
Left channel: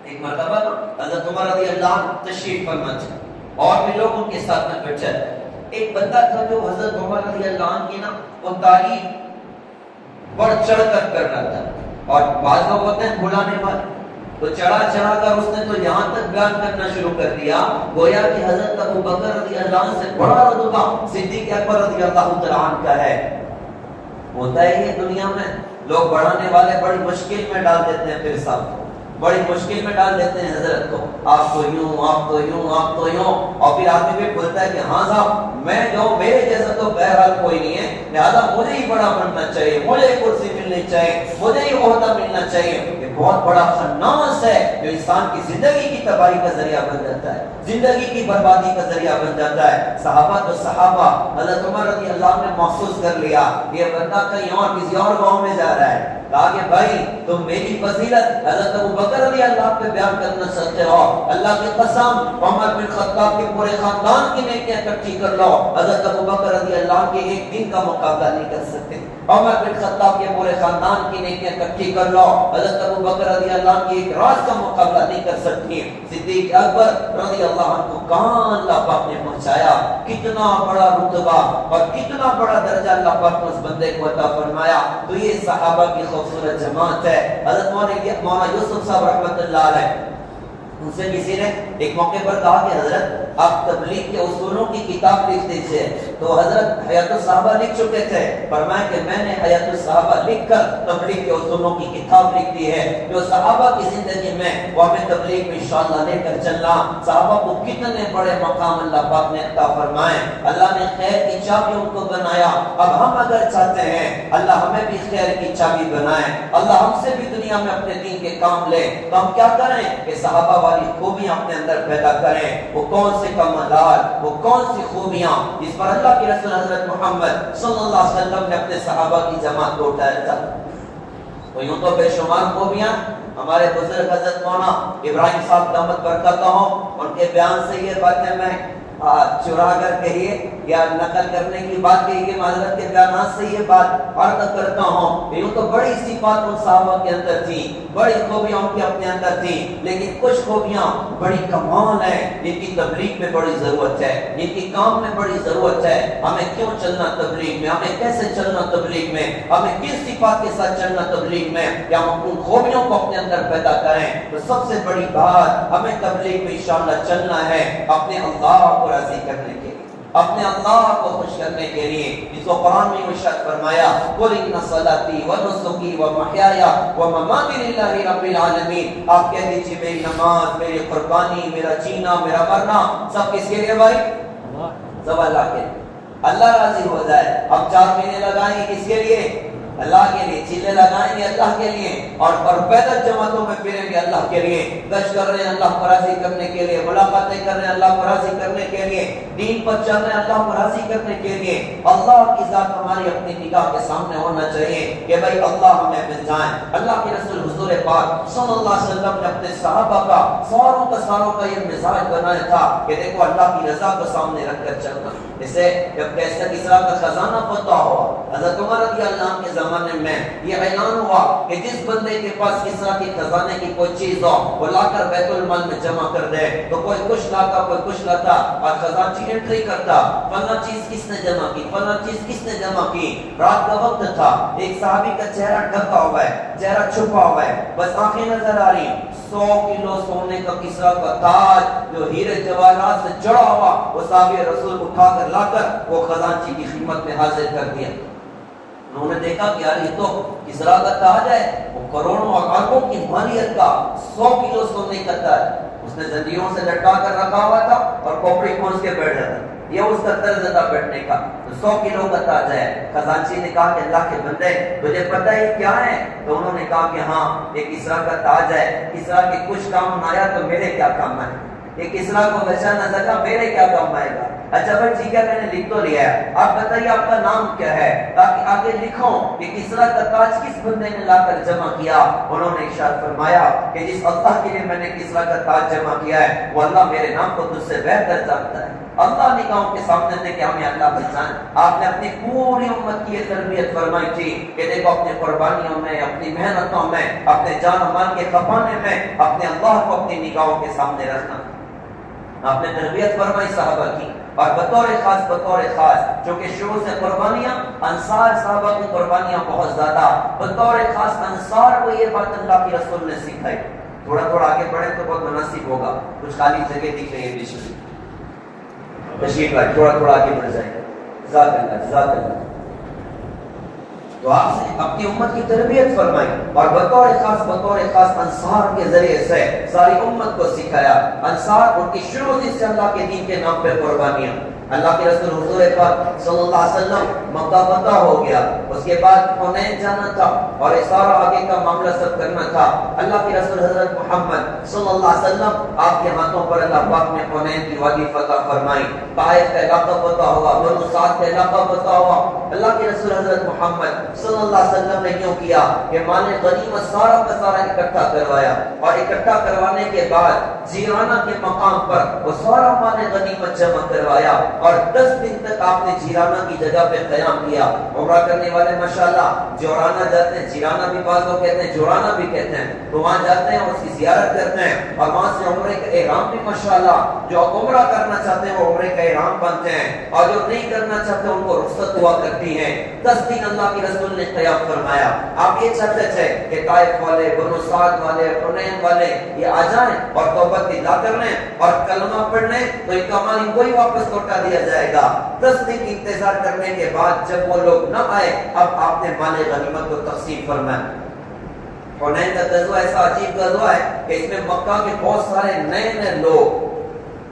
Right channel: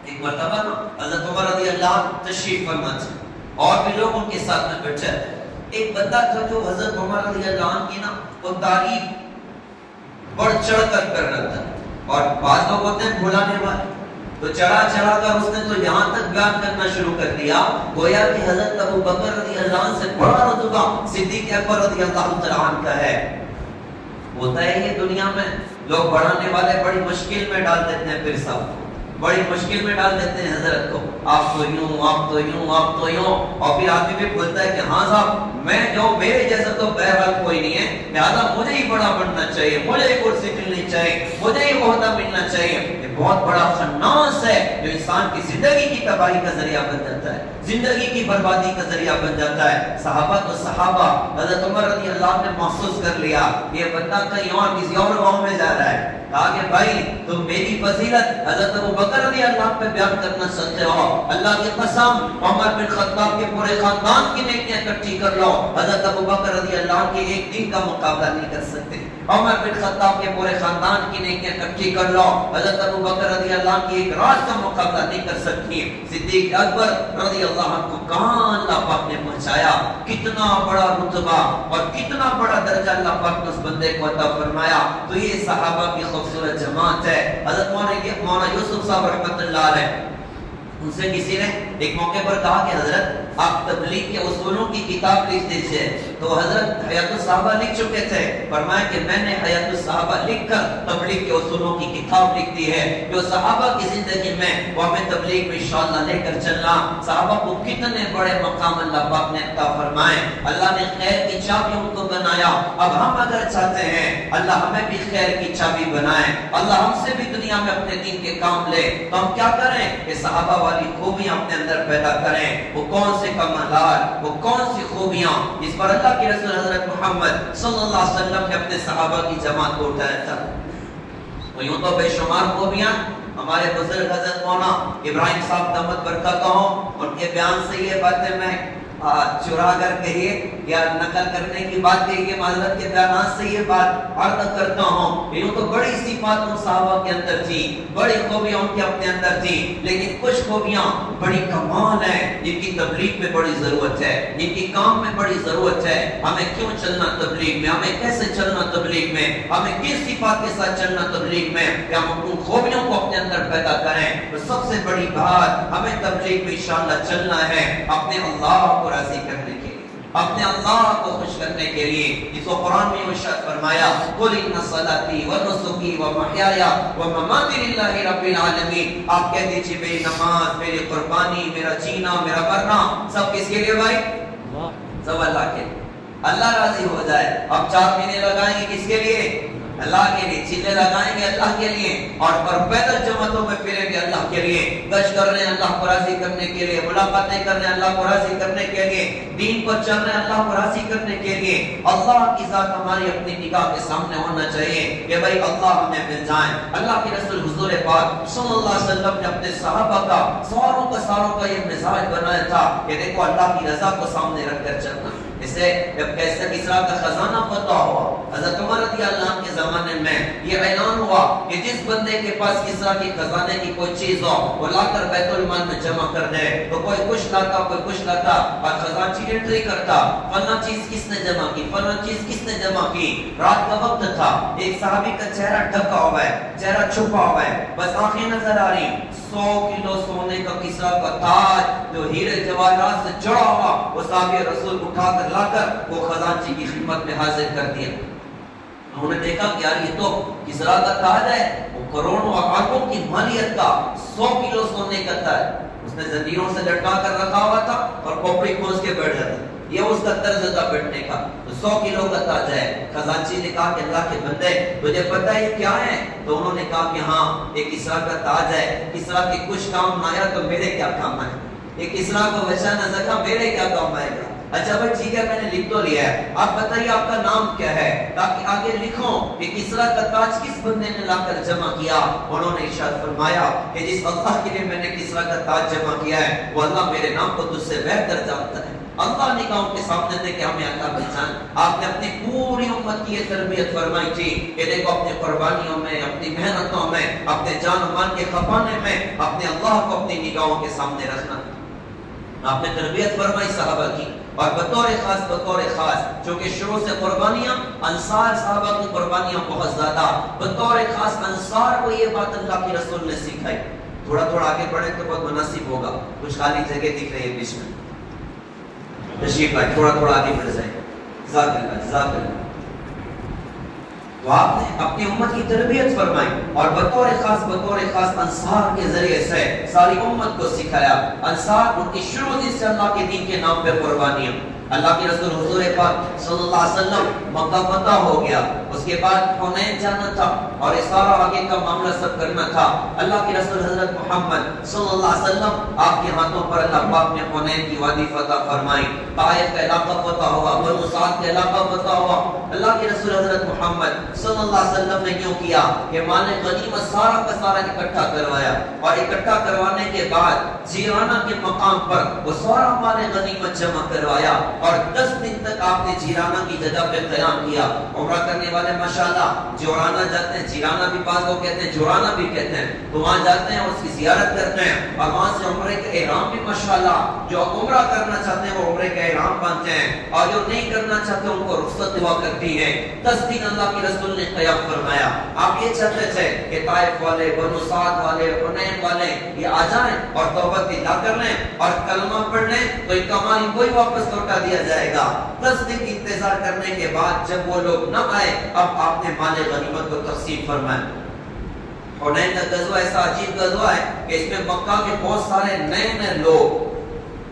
ایک مرتبہ حضرت عمر رضی اللہ عنہ تشریف فرما تھے اور بھی لوگ ان کے ساتھ میں بیٹھے تھے. ایک بندہ تھا جو حضرت عمر رضی اللہ عنہ کی نا وہ تعریف بڑھ چڑھ کر رہا تھا. اور بعض لوگ ہوتے ہیں بھلانے والے، تو چڑھا کر اس نے تو یہاں تک بیان کرنا شروع کر دیا گویا کہ حضرت ابو بکر رضی اللہ عنہ سے بڑا رتبہ صدیق اکبر رضی اللہ عنہ کا ہے. ہوتا ہے یہ دنیا میں لوگ بڑھانے والے بڑی مشکل میں ڈال دیتے ہیں، پھر صاحب کو بڑی مشکل میں ڈال دیتے ہیں حضرت کو، آپ تو یوں، آپ تو یوں، آپ تو یوں. اور پھر آدمی بھی بولتا ہے کہ ہاں صاحب میں جو میرے جیسا تو بہرحال کوئی نہیں ہے، لہذا مجھے ہی بڑا بننا چاہیے، مجھے ہی کرسی ملنی چاہیے، مجھے ہی عہدہ ملنا چاہیے. یہ بہت بڑا خناس ہے جو انسان کی زندگی کی تباہی کا ذریعہ بن جاتا ہے، زندگی کی بربادی کا ذریعہ بن جاتا ہے. صحابہ حضرت عمر رضی اللہ عنہ نے محسوس کر لیا یہ بندہ کہیں اور کسی اور گاؤں میں جا رہا ہے. کہا کہ بھائی تم میری فضیلت حضرت ابو بکر رضی اللہ عنہ پہ بیان کرنا چاہتے ہو، اللہ کی قسم عمر بن خطاب کے پورے خاندان کی نیکیاں اکٹھی کر لو، حضرت ابو بکر رضی اللہ عنہ کے ایک دن کا مقابلہ نہیں کر سکتے. عمر بن خطاب کے پورے خاندان کی نیکیاں اکٹھی کر لو، حضرت ابو بکر رضی اللہ عنہ کی ایک رات کا مقابلہ نہیں کر سکتی. صدیق اکبر رضی اللہ عنہ کو کہاں اللہ پاک نے پہنچایا، کتنا بڑا رتبہ اور کتنا بڑا درجہ اللہ پاک نے اس بندے کو عطا فرمایا. تو یہ صحابہ کی خوبصورت جماعت ہے. حضرت مولانا یوسف صاحب رحمۃ اللہ علیہ ان سے کسی نے ایک موقع پر کہا کہ حضرت آپ تبلیغ کے اصولوں کی کتاب لکھ دیجئے. تو حضرت حیات الصحابہ لکھ چکے تھے، فرمایا کہ میں نے حیات الصحابہ لکھ کر تبلیغ کے اصولوں کی کتاب لکھ دی ہے جو صحابہ کی زندگی میں وہ ہمیں تبلیغ میں انشاءاللہ لے کر چلنا. صحابہ کو کتنے بڑے مقام اللہ پاک نے عطا فرمائے، اللہ نے خیر کی چابی ان کو بنایا. اب ہم اگر چاہتے ہیں اللہ ہمیں بھی خیر کی چابی بنائے، اللہ ہم سے بھی دنیا میں اپنے دین کے کام لے، تو ہم کیا کریں کہ صحابہ والی خوبیاں اپنے اندر پیدا کریں. وہ کون سے کمالات، وہ کون سی خوبیاں جس پر اللہ کے رسول حضرت محمد صلی اللہ علیہ وسلم نے اپنے صحابہ کی جماعت کو اٹھایا تھا. تو یوں تو بے شمار خوبیاں ہمارے بزرگ حضرت مولانا ابراہیم صاحب دامت برکاتہ ہوں، ان کے بیان سے یہ باتیں میں چرا کر کہیے یا نقل کرنے کی بات کہیے، حضرت کے بیانات سے یہ بات عرض کرتا ہوں، یوں تو بڑی صفات ان صحابہ کے اندر تھی، بڑی خوبیاں ان کے اپنے اندر تھی، لیکن کچھ خوبیاں بڑی کمال ہیں جن کی تبلیغ میں بڑی ضرورت ہے، جن کی کام میں بڑی ضرورت ہے۔ ہمیں کیوں چلنا تبلیغ میں، ہمیں کیسے چلنا تبلیغ میں، ہمیں کس صفات کے ساتھ چلنا تبلیغ میں، کہ ہم ان خوبیوں کو اپنے اندر پیدا کریں۔ تو سب سے بڑی بات ہمیں تبلیغ میں انشاءاللہ چلنا ہے اپنے اللہ کو راضی کرنے کے لیے، اپنے اللہ کو خوش کرنے کے لیے۔ اس کو قرآن میں ارشاد فرمایا، قل ان صلاتي ونسكي ومحياي ومماتي لله رب العالمین۔ آپ کہہ دیجئے میری نماز، میری قربانی، میرا جینا، میرا مرنا سب کس کے لیے بھائی؟ سب اللہ کے لیے، اللہ راضی ہو جائے۔ اب 4 مہینے لگائیں گے کس کے لیے؟ اللہ کے لیے، چیزیں لگائیں گے اللہ کے لیے، اور پیدل جماعتوں میں پھریں گے اللہ کے لیے، گشت کر رہے ہیں اللہ کو راضی کرنے کے لیے، ملاقاتیں کر رہے ہیں اللہ کو راضی کرنے کے لیے، دین پر چل رہے ہیں اللہ کو راضی کرنے کے لیے۔ اللہ کی ذات ہماری اپنی نگاہ کے سامنے ہونا چاہیے کہ بھائی اللہ ہمیں مل جائیں۔ اللہ کے رسول حضور پاک صلی اللہ علیہ وسلم نے اپنے صحابہ کا ساروں کا یہ مزاج بنایا تھا کہ دیکھو اللہ کی رضا کو سامنے رکھ کر چلنا۔ اسے جب کیسر کسریٰ کا خزانہ فتح ہوا، حضرت عمر رضی اللہ عنہ کے زمانے میں یہ اعلان ہوا کہ جس بندے کے پاس کسریٰ کی خزانے کی کوئی چیز ہو وہ لا کر بیت المال میں جمع کر دے۔ تو کوئی کچھ لاتا، کوئی کچھ لاتا، اور خزانچی انٹری کرتا، فلاں چیز کس نے جمع کی، فلاں چیز کس نے جمع کی۔ رات کا وقت تھا، ایک صحابی کا چہرہ ڈھکا ہوا ہے، چہرہ چھپا ہوا ہے، بس آنکھیں نظر آ رہی۔ 100 کلو سونے کا کسریٰ کا تاج جو ہیرے جواہرات سے جڑا ہوا، وہ صحابی رسول اٹھا کر لا کر وہ خزانچی کی خدمت میں حاضر کر دیا۔ انہوں نے دیکھا کہ یار یہ تو کسریٰ کا تاج ہے، وہ کروڑوں اور اربوں کی مالیت کا 100 کلو سونے کا تاج، اس نے زنجیروں سے لٹکا کر رکھا ہوا تھا اور کھوپڑی کھونس کے بیٹھ جاتا، یہ اس کا طرز تھا بیٹھنے کا۔ تو 100 کلو کا تاج ہے۔ خزانچی نے کہا کہ اللہ کے بندے تجھے پتہ ہے کیا ہے؟ تو انہوں نے کہا کہ ہاں یہ کسریٰ کا تاج ہے، کسریٰ کے کچھ کام نہ آیا تو میرے کیا کام آئے، یہ کسریٰ کو ویسا نہ سکا میرے کیا کام آئے گا۔ اچھا بھائی ٹھیک ہے، میں نے لکھ تو لیا ہے، آپ بتائیے آپ کا نام کیا ہے تاکہ آگے لکھوں کہ کسریٰ کا تاج کس بندے نے لا کر جمع کیا۔ انہوں نے ارشاد فرمایا کہ جس اللہ کے لیے میں نے کسریٰ کا تاج جمع کیا ہے وہ اللہ میرے نام کو تجھ سے بہتر جانتا ہے۔ اللہ نگاہوں کے سامنے دے کہ ہمیں اللہ پہچان۔ آپ نے اپنی پوری امت کی یہ تربیت فرمائی تھی کہ دیکھو اپنی قربانیوں میں، اپنی محنتوں میں، اپنے جان و مال کے کھپانے میں اپنے اللہ کو اپنی نگاہوں کے سامنے رکھنا۔ آپ نے تربیت فرمائی صحابہ کی، اور بطور خاص چونکہ شروع سے قربانیاں انصار صحابہ کی قربانیاں بہت زیادہ، بطور خاص انصار کو یہ بات اللہ کی رسول نے سکھائی۔ تھوڑا آگے بڑھے تو بہت مناسب ہوگا، کچھ خالی جگہ دکھ رہی ہے بیچ میں، تشریف لائے، تھوڑا آگے بڑھ جائے۔ جزاک اللہ۔ تو آپ نے اپنی امت کی تربیت فرمائی اور بطور خاص انصار کے ذریعے سے ساری امت کو سکھایا۔ انصار ان کی شروع سے اللہ کے دین کے نام پہ قربانیاں۔ اللہ کے رسول حضور پاک صلی اللہ علیہ وسلم مکہ فتح ہو گیا، اس کے بعد حنین جانا تھا اور اس سارا آگے کا معاملہ سب کرنا تھا۔ اللہ کے رسول حضرت محمد صلی اللہ علیہ وسلم آپ کے ہاتھوں پر اللہ پاک نے حنین کی وادی فتح فرمائی، طائف کا علاقہ فتح ہوا، بنو سعد کا علاقہ فتح ہوا۔ اللہ کے رسول حضرت محمد صلی اللہ علیہ وسلم نے یوں کیا کہ مال غنیمت سارا کا سارا اکٹھا کروایا، اور اکٹھا کروانے کے بعد جیرانہ کے مقام پر وہ سارا مال غنیمت جمع کروایا، اور 10 دن تک آپ نے جیرانہ کی جگہ پہ قیام کیا۔ عمرہ کرنے والے ماشاءاللہ جورانہ جاتے ہیں، جیرانہ بھی بعض لوگ کہتے ہیں، جورانہ بھی کہتے ہیں، تو وہاں جاتے ہیں، اس کی زیارت کرتے ہیں، اور وہاں سے عمرے کا احرام بھی ماشاءاللہ جو عمرہ کرنا چاہتے ہیں وہ عمرے کا احرام باندھتے ہیں، اور جو نہیں کرنا چاہتے ان کو رخصت ہوا کرتی ہے۔ 10 دن اللہ کے رسول نے قیام فرمایا۔ آپ یہ چاہتے تھے کہ طائف والے، بنو سعد والے، حنین والے یہ آ جائیں اور توبہ ادا کر لیں اور کلمہ پڑھ لیں تو ان کا مال ان کو ہی واپس لوٹا دیا جائے گا۔ 10 دن انتظار کرنے کے بعد جب وہ لوگ نہ آئے، اب آپ نے مال غنیمت کو تقسیم فرمایا۔ حنین کا غزوہ ایسا عجیب غزوہ ہے کہ اس میں مکہ کے بہت سارے نئے لوگ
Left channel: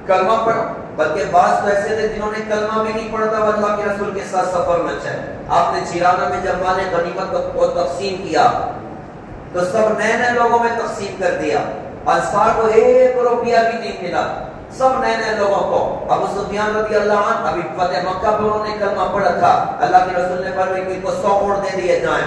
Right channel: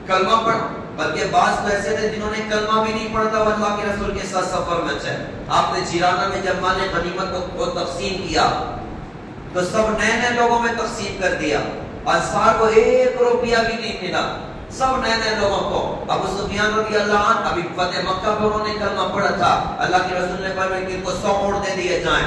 کلمہ پڑھا، بلکہ بعض تو ایسے تھے جنہوں نے کلمہ بھی نہیں پڑھا تھا، وہ اللہ کے رسول کے ساتھ سفر میں تھے۔ آپ نے جیرانہ میں جب مال غنیمت کو تقسیم کیا تو سب نئے لوگوں میں تقسیم کر دیا، انصار کو 1 روپیہ بھی نہیں ملا، سب نئے لوگوں کو۔ ابو سفیان رضی اللہ عنہ ابھی فتح مکہ پہ انہوں نے کلمہ پڑھا تھا، اللہ کے رسول نے فرمایا کہ ان کو 100 اونٹ دے دیے جائیں،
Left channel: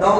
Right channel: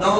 9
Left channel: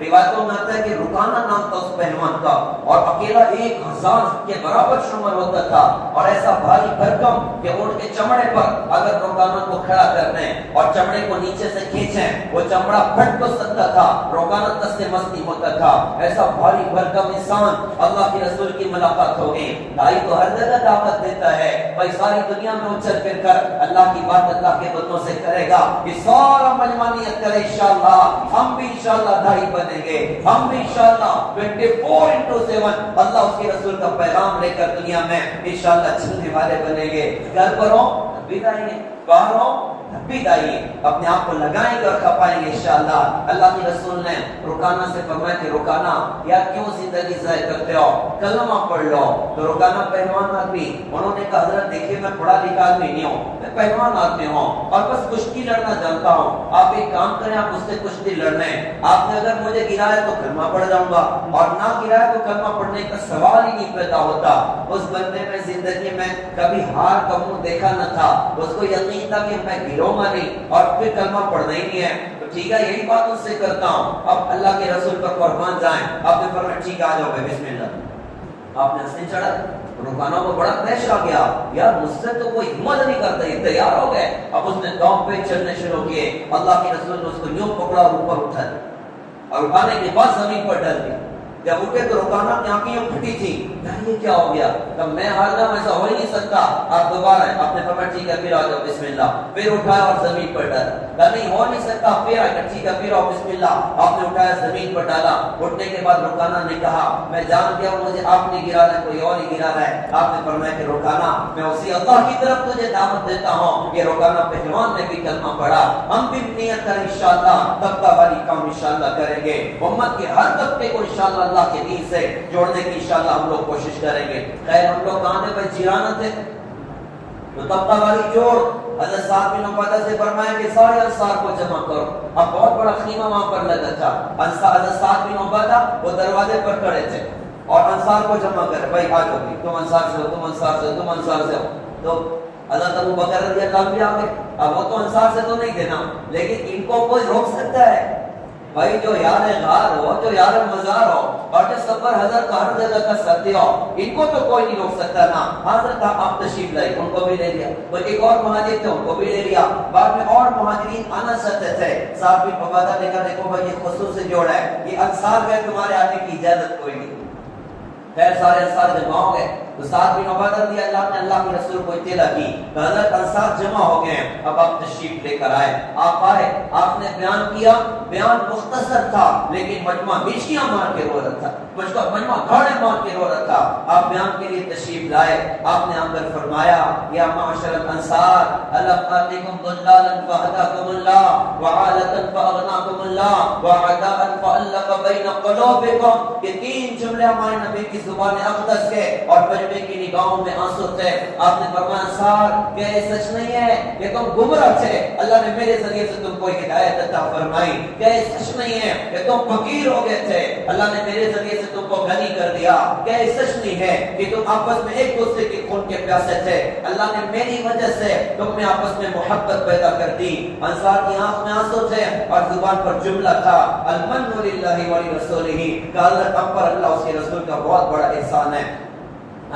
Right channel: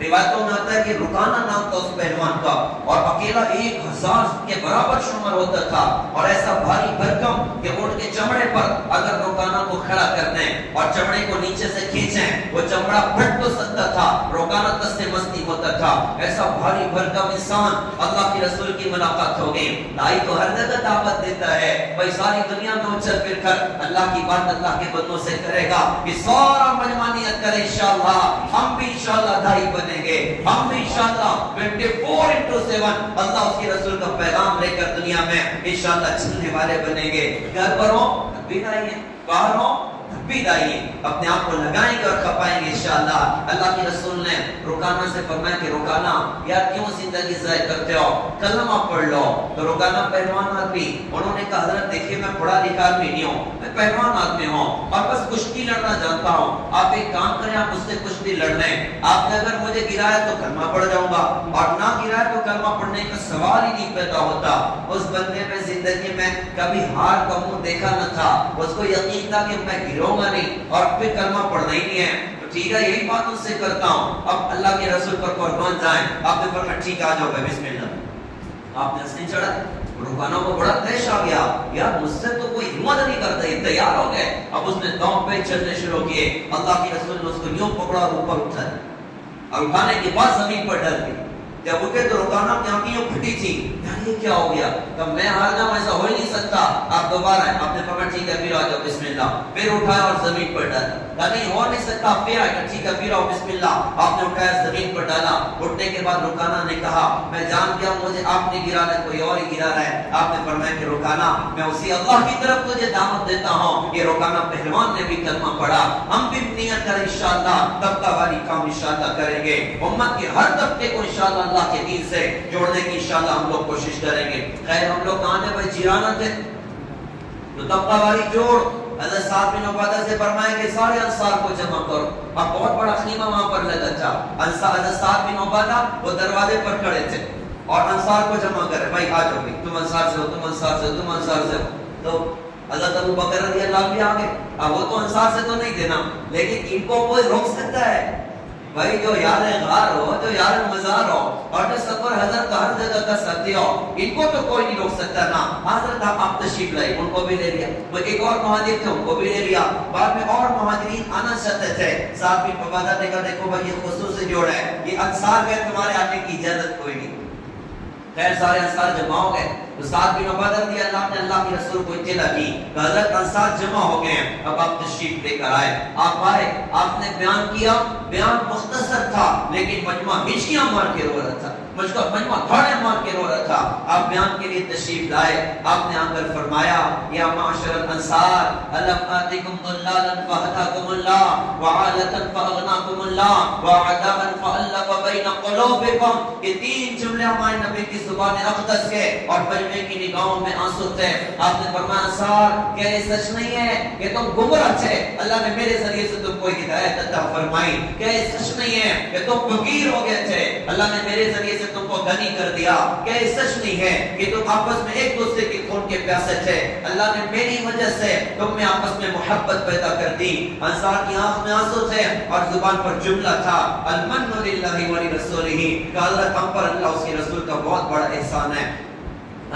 روایتوں میں آتا ہے کہ رکانہ نام تھا اس پہلوان کا اور اکیلا 1000 کے برابر شمار ہوتا تھا اور ایسا بھاری بھرکم کہ اونٹ کے چمڑے پر اگر رکانہ کو کھڑا کر دیں اور چمڑے کو نیچے سے کھینچیں وہ چمڑا پھٹ تو سکتا تھا، رکانہ تس مستی ہوتا تھا. ایسا بھاری بھرکم انسان اللہ کے رسول کی ملاقات ہوگی. دائی تو ہر جگہ دعوت دیتا ہے بھائی ساری دنیا میں اچھل پھر کر اللہ کی بات اللہ کے بندوں سے کرے گا کہ سارا مجمانیت کرے انشاءاللہ. ہم بھی انشاءاللہ دائی بنیں گے، ہم بھی انشاءاللہ 24/7 اللہ اس کے رسول کا پیغام لے کر دنیا میں انشاءاللہ چلنے والے بنیں گے. گھر پر ہو بھی دائیے، باہر ہو بھی دائیے، اپنے آپ کو لگائیں گے اور کھپائیں گے انشاءاللہ. اللہ کے رسول نے رکانہ سے فرمایا کہ رکانہ یار کیوں زندگی ضائع کرتے ہو، کلمہ پڑھ لو. تو رکانہ پہلوان آدمی، انہوں نے کہا حضرت دیکھیے میں پڑھا لکھا آدمی نہیں ہوں، میں پہلوان آدمی ہوں اور بس کشتی لڑنا جانتا ہوں. آپ ایک کام کریں، آپ اس سے کشتی لڑ لیں. آپ نے اگر مجھے گرایا تو کلمہ پڑھ جاؤں گا اور نہ گرایا تو کلمہ پڑھنے کا سوال ہی نہیں پیدا ہوتا. اس بندے میں زندگی میں کبھی ہار کا منہ دیکھا نہ تھا، اس کو یقین تھا کہ میں گروں گا نہیں اور پھر کلمہ پڑھنا ہی نہیں ہے. تو ٹھیک ہے یہی بات اس سے کرتا ہوں. اب اللہ کے رسول پر قربان جائیں. آپ نے فرمایا ٹھیک آ جاؤ بسم اللہ. آپ نے اسے چڑھا. رکانہ کو بڑا دہش آ گیا، یار مجھ سے تو کوئی ہمت نہیں کرتا، یہ تیار ہو گئے. اب اس نے داؤں پہ چلنے شروع کیے. اللہ کے رسول نے اس کو یوں پکڑا اور اوپر اٹھایا اور اٹھانے کے بعد زمین پر ڈال دی. جب اٹھے تو رکانہ کی آنکھیں پھٹی تھی، یار یہ کیا ہو گیا؟ کہ میں ہار جاؤں، ایسا ہو ہی نہیں سکتا. آپ دوبارہ ہیں. آپ نے فرمایا ٹھیک ہے پھر آ جاؤ بسم اللہ. پھر اٹھایا اور زمین پر ڈالا. کہ نہیں ہو نہیں سکتا. پھر آیا ٹھیک ہے پھر آؤ بسم اللہ. آپ نے اٹھایا زمین پر ڈالا. اٹھنے کے بعد رکانہ نے کہا میں جان گیا ہوں مجھے آپ نے گرا ہے، کوئی اور ہی گرا ہے. آپ نے فرمایا کہ رکانہ میں اسی اللہ کی طرف تجھے دعوت دیتا ہوں. یہ رکانہ پہلوان نے بھی کلمہ پڑھا. ہم بھی نیت کریں انشاءاللہ طبقہ والی کام انشاءاللہ کریں گے. امت کے ہر طبقے کو انشاءاللہ اللہ کے دین سے جوڑنے کی انشاءاللہ ہم لوگ کوشش کریں گے. خیر ہم لوگ کہاں ہیں بھائی؟ جیرانہ تھے تو طبقہ والی جوڑ. حضرت سعد بن عبادہ سے فرمایا کہ سارے انصار کو جمع کرو. اب بہت بڑا خیمہ وہاں پر لگا تھا. حضرت سعد بن عبادہ وہ دروازے پر کھڑے تھے اور انصار کو جمع کرے بھائی آ جاؤ بھی، تم انصار سے ہو، تم انصار سے ہو، تم انصار سے ہو. تو حضرت ابو بکر رضی اللہ عنہ بھی آگے. اب وہ تو انصار سے تو نہیں تھے نا، لیکن ان کو کوئی روک سکتا ہے بھائی؟ جو یار غار ہو، جو یار مزار ہو اور جو سفر حضرت کا ہر جگہ کا ساتھی ہو، ان کو تو کوئی نہیں روک سکتا نا. حضرت آپ تشریف لائے، ان کو بھی لے لیا. وہ ایک اور مہاجر تھے، ان کو بھی لے لیا. بعد میں اور مہاجرین آنا چاہتے تھے. صاحب بن عبادہ نے کہا دیکھو بھائی یہ خصوصی جوڑ ہے، یہ انصار گئے، تمہارے آنے کی اجازت کوئی نہیں. خیر سارے انصار جمع ہو گئے. تو سعد بن عبادہ رضی اللہ نے اللہ کے رسول کو اطلاع دی کہ حضرت انصار جمع ہو گئے ہیں، اب آپ تشریف لے کر آئے. آپ آئے، آپ نے بیان کیا. بیان مختصر تھا لیکن مجمع ہچکیاں مار کے رو رہا تھا، مجمع گھاڑے مار کے رو رہا تھا. آپ بیان کے لیے تشریف لائے. آپ نے آ کر فرمایا یا معاشر الانصار الم آتکم ضلالا فہداکم اللہ وعالتا فاغناکم اللہ وعداء فالف بین قلوبکم. یہ 3 جملے ہمارے نبی کی زبان اقدس کے اور مجمع کی نگاہوں میں آنسو تھے. آپ نے فرمایا انصار کیا یہ سچ نہیں ہے کہ تم گمراہ تھے، اللہ نے میرے ذریعے سے تم کو ہدایت عطا فرمائی؟ کیا یہ سچ نہیں ہے کہ تم فقیر ہو گئے تھے، اللہ نے میرے ذریعے سے تم کو غنی کر دیا؟ کیا یہ سچ نہیں ہے کہ تم آپس میں ایک دوسرے کے خون کے پیاسے تھے، اللہ نے میری وجہ سے تم میں آپس میں محبت پیدا کر دی؟ انصار کی آنکھ میں آنسو تھے اور زبان پر جملہ تھا المن للہ ولرسولہ، کہ حضرت ہم پر اللہ اس کے رسول کا بہت بڑا احسان ہے.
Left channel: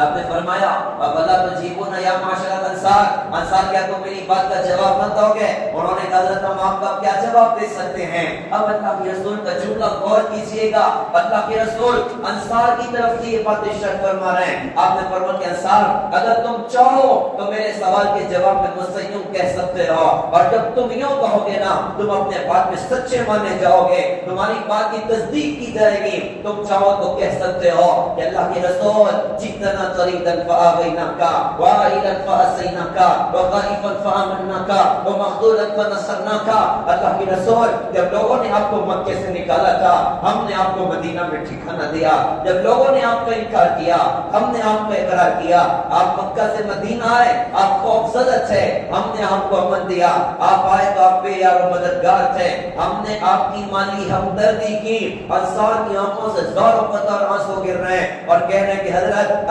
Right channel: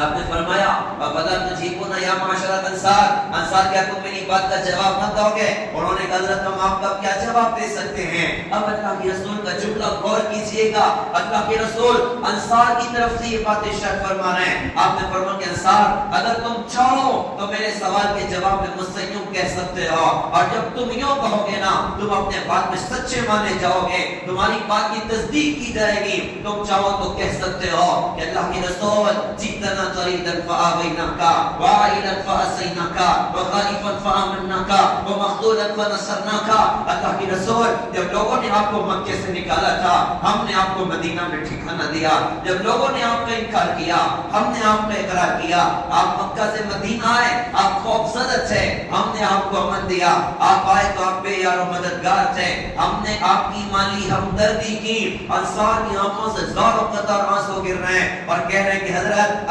آپ نے فرمایا فلا تجیبون یا معاشر الانصار، انصار کیا تم میری بات کا جواب نہ دو گے؟ انہوں نے کہا حضرت ہم آپ کا کیا جواب دے سکتے ہیں؟ اب اللہ کے رسول کا جملہ غور کیجئے گا. اللہ کے رسول انصار کی طرف سے یہ بات ارشاد فرما رہے ہیں. آپ نے فرمایا کہ انصار اگر تم چاہو تو میرے سوال کے جواب میں مجھ سے یوں کہہ سکتے ہو، اور جب تم یوں کہو گے نا تم اپنے بات میں سچے مانے جاؤ گے، تمہاری بات کی تصدیق کی جائے گی. تم چاہو تو کہہ سکتے ہو کہ اللہ کے رسول جتنا طريدا فآويناك وعائلا فأسيناك وخائفا فآمناك ومخذولا فنصرناك. اللہ کے رسول جب لوگوں نے آپ کو مکے سے نکالا تھا ہم نے آپ کو مدینہ میں ٹھکانہ دیا. جب لوگوں نے آپ کا انکار کیا ہم نے آپ کا اقرار کیا. آپ مکہ سے مدینہ آئے، آپ خوف زدہ تھے، ہم نے آپ کو امن دیا. آپ آئے تو آپ بے یار و مددگار تھے، ہم نے آپ کی مالی ہمدردی کی. انصار کی آنکھوں سے زار و قطار آنسو گر رہے ہیں اور کہہ رہے ہیں کہ حضرت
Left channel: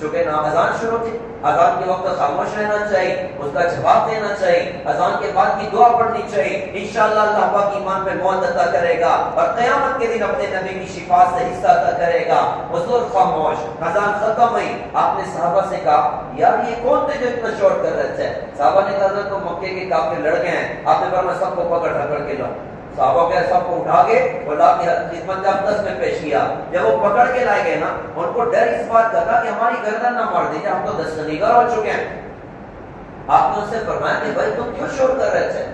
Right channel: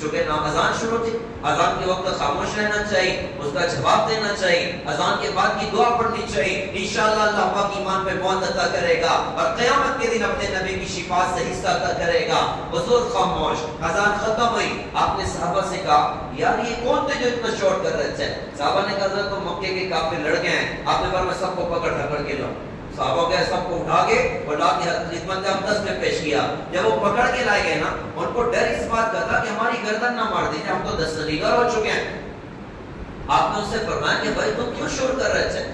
چونکہ نہ اذان شروع تھی، اذان کے وقت خاموش رہنا چاہیے، اس کا جواب دینا چاہیے، اذان کے بعد کی دعا پڑھنی چاہیے، انشاءاللہ اللہ پاک ایمان پہ موت عطا کرے گا اور قیامت کے دن اپنے نبی کی شفاعت سے حصہ عطا کرے گا۔ حضور خاموش، اذان ختم ہوئی، آپ نے صحابہ سے کہا یار یہ کون تھے جو اتنا شور کر رہے تھے؟ صحابہ نے کہا حضرت تو مکے کے کافر لڑ گئے ہیں۔ آپ نے فرمایا سب کو پکڑ پکڑ کے لاؤ۔ صحابہ کے سب کو اٹھا کے اور لا کے خدمت اقدس میں پیش کیا۔ جب وہ پکڑ کے لائے گئے نا، ان کو ڈر اس بات کا تھا کہ ہماری گردن نہ مار دیجیے، ہم تو دستگیر ہو چکے ہیں۔ آپ نے ان سے فرمایا کہ بھائی تم کیوں شور کر رہے تھے؟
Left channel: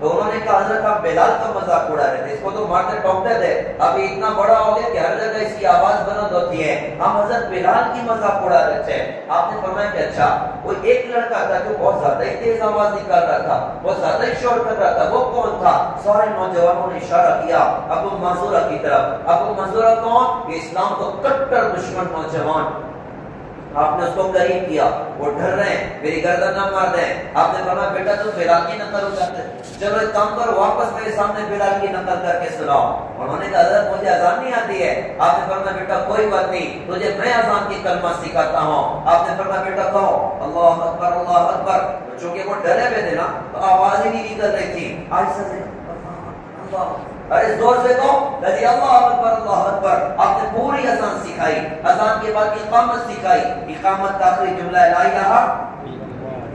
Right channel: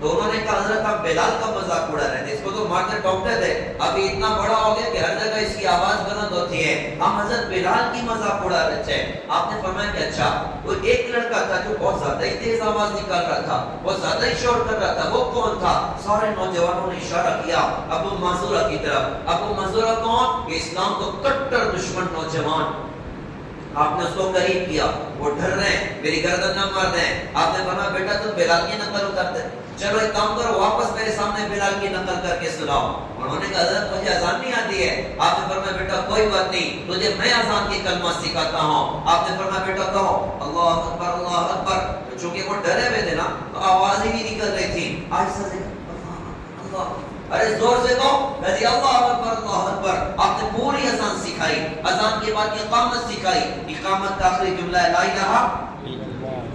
تو انہوں نے کہا حضرت آپ بلال کا مذاق اڑا رہے تھے، اس کو تو مارتے ٹوکتے تھے، ابھی اتنا بڑا ہو گیا کہ ہر جگہ اس کی آواز بلند ہوتی ہے، ہم حضرت بلال کی مذاق اڑا رہے تھے۔ آپ نے فرمایا کہ اچھا، وہ ایک لڑکا تھا جو بہت زیادہ ہی تیز آواز نکال رہا تھا، بہت زیادہ ہی شور کر رہا تھا، وہ کون تھا؟ سارے نوجوانوں نے اشارہ کیا ابو منصورہ کی طرف۔ ابو منصورہ کون؟ یہ اسلام کو کٹر دشمن نوجوان۔ آپ نے اس کو قریب کیا، وہ ڈر رہے ہیں میری گردن نہ مار دیں۔ آپ نے فرمایا بیٹا تم بلال کی نقل اتارتے، چلو ایک کام کرو واپس میرے سامنے بلال کی نقل کر کے سناؤ۔ انہوں نے کہا حضرت مجھے اذان نہیں آتی ہے۔ آپ نے فرمایا بیٹا کوئی بات نہیں، تجھے میں اذان کی کلمہ سکھاتا ہوں۔ آپ نے فرمایا بیٹا کہو اللہ اکبر اللہ اکبر۔ چونکہ وہ ڈرے ہوئے تھے نا تو آواز ہی نہیں نکل رہی تھی، آہستہ سے اللہ، ارے زور سے کہو رضی اللہ اکبر اللہ اکبر۔ آپ نے پوری اذان سکھائی، اذان کے بعد اقامت سکھائی، اقامت کا آخری جملہ ہے لا الہ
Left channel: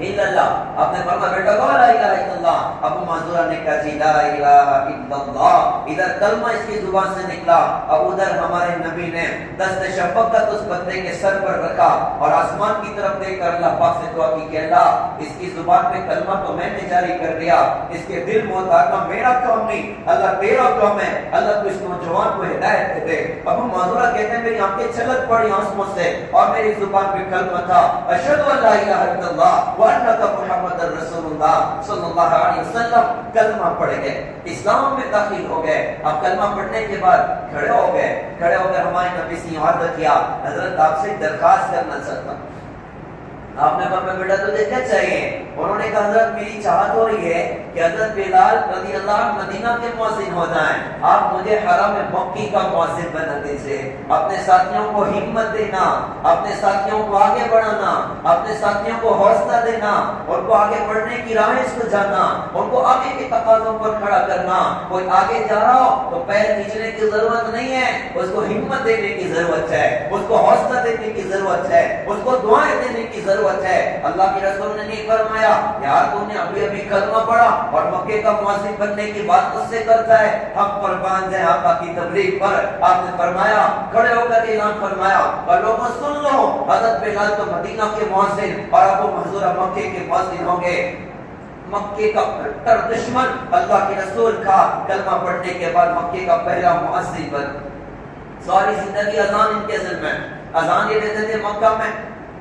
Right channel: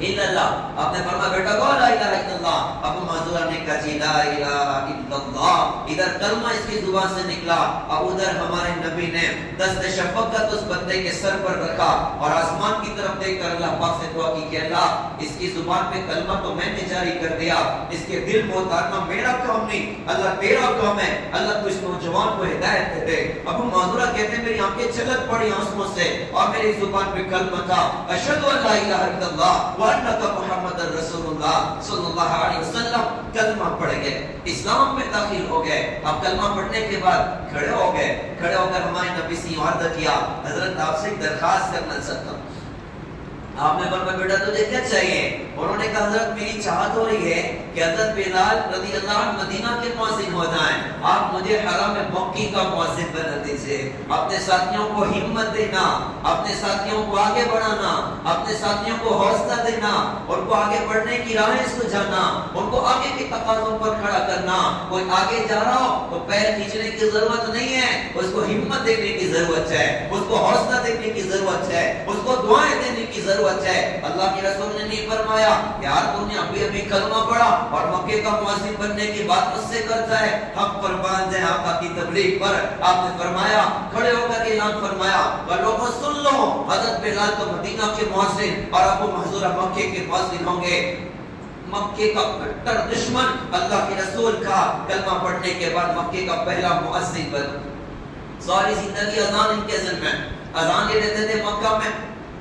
الا اللہ۔ آپ نے فرمایا بیٹا کہو لا الہ الا اللہ۔ ابو معذورہ نے کہا جی لا الہ الا اللہ، ادھر کلمہ اس کی زبان سے نکلا، اب ادھر ہمارے نبی نے دست شفقت اس بندے کے سر پر رکھا اور آسمان کی طرف دیکھ کر اللہ پاک سے دعا کی کہ اللہ اس کی زبان پہ کلمہ تو میں نے جاری کر دیا، اس کے دل میں اتارنا میرا کام نہیں، اللہ تیرا کام ہے، اللہ تو اس نوجوان کو ہدایت دے دے۔ ابو معذورہ کہتے ہیں میری آنکھیں چھلک پڑی آنسوؤں سے اور میری زبان پہ کلمہ تھا اشہد ان لا الہ الا اللہ وانک محمد رسول اللہ صلی اللہ علیہ وسلم۔ کلمہ پڑھ گئے، اسلام میں داخل ہو گئے۔ اب کلمہ پڑھنے کے بعد کھڑے ہو گئے، کھڑے ہو کر ہمارے نبی سے عرض کیا حضرت آپ سے درخواست کرنا چاہتا ہوں۔ آپ نے فرمایا بیٹا تجھے کیا چاہیے؟ انہوں نے کہا حضرت میری چاہت ہو رہی ہے کہ حضرت بلال رضی اللہ عنہ مدینہ کے مؤذن ہو جائیں، آپ مجھے حرم مکی کا مؤذن بنا دیجیے۔ اپنے ساتھیوں کو ہمت دینا، اپنے ساتھیوں کو آگے بڑھانا، اپنے ساتھیوں کو حوصلہ دینا، ان کو آگے بڑھنے کی راہیں سجانا، ان کو آگے کے تقاضوں پر کھڑا کرنا۔ کوئی آگے جا رہا ہو تو پیر کھینچنے کی ضرورت نہیں ہے، اس کو ہمت دینے کی ضرورت ہے، اس کو حوصلہ دینے کی ضرورت ہے، اس کو دعائیں دینے کی ضرورت ہے۔ اللہ کے رسول نے نہیں فرمایا یار تم نے ابھی کلمہ پڑھا اور مکے کا مؤذن بننے کی بات مجھ سے کرتا ہے، حق پر باندھ ہے آقا کی تبلیغ پر۔ آپ نے فرمایا کھڑے ہو کر اعلان فرمایا اور لوگوں سن لو حضرت بلال تو مدینہ کے مؤذن اور ابو محذورہ مکے کے مؤذن ہوں گے۔ مکے کا کٹر دشمن اللہ کے رسول کا کلمہ پڑھنے کے بعد مکے کا پہلا مؤذن بن۔ ساری زندگی اذان ان کے ذمہ، اذان یہ دیتے تھے مکہ میں،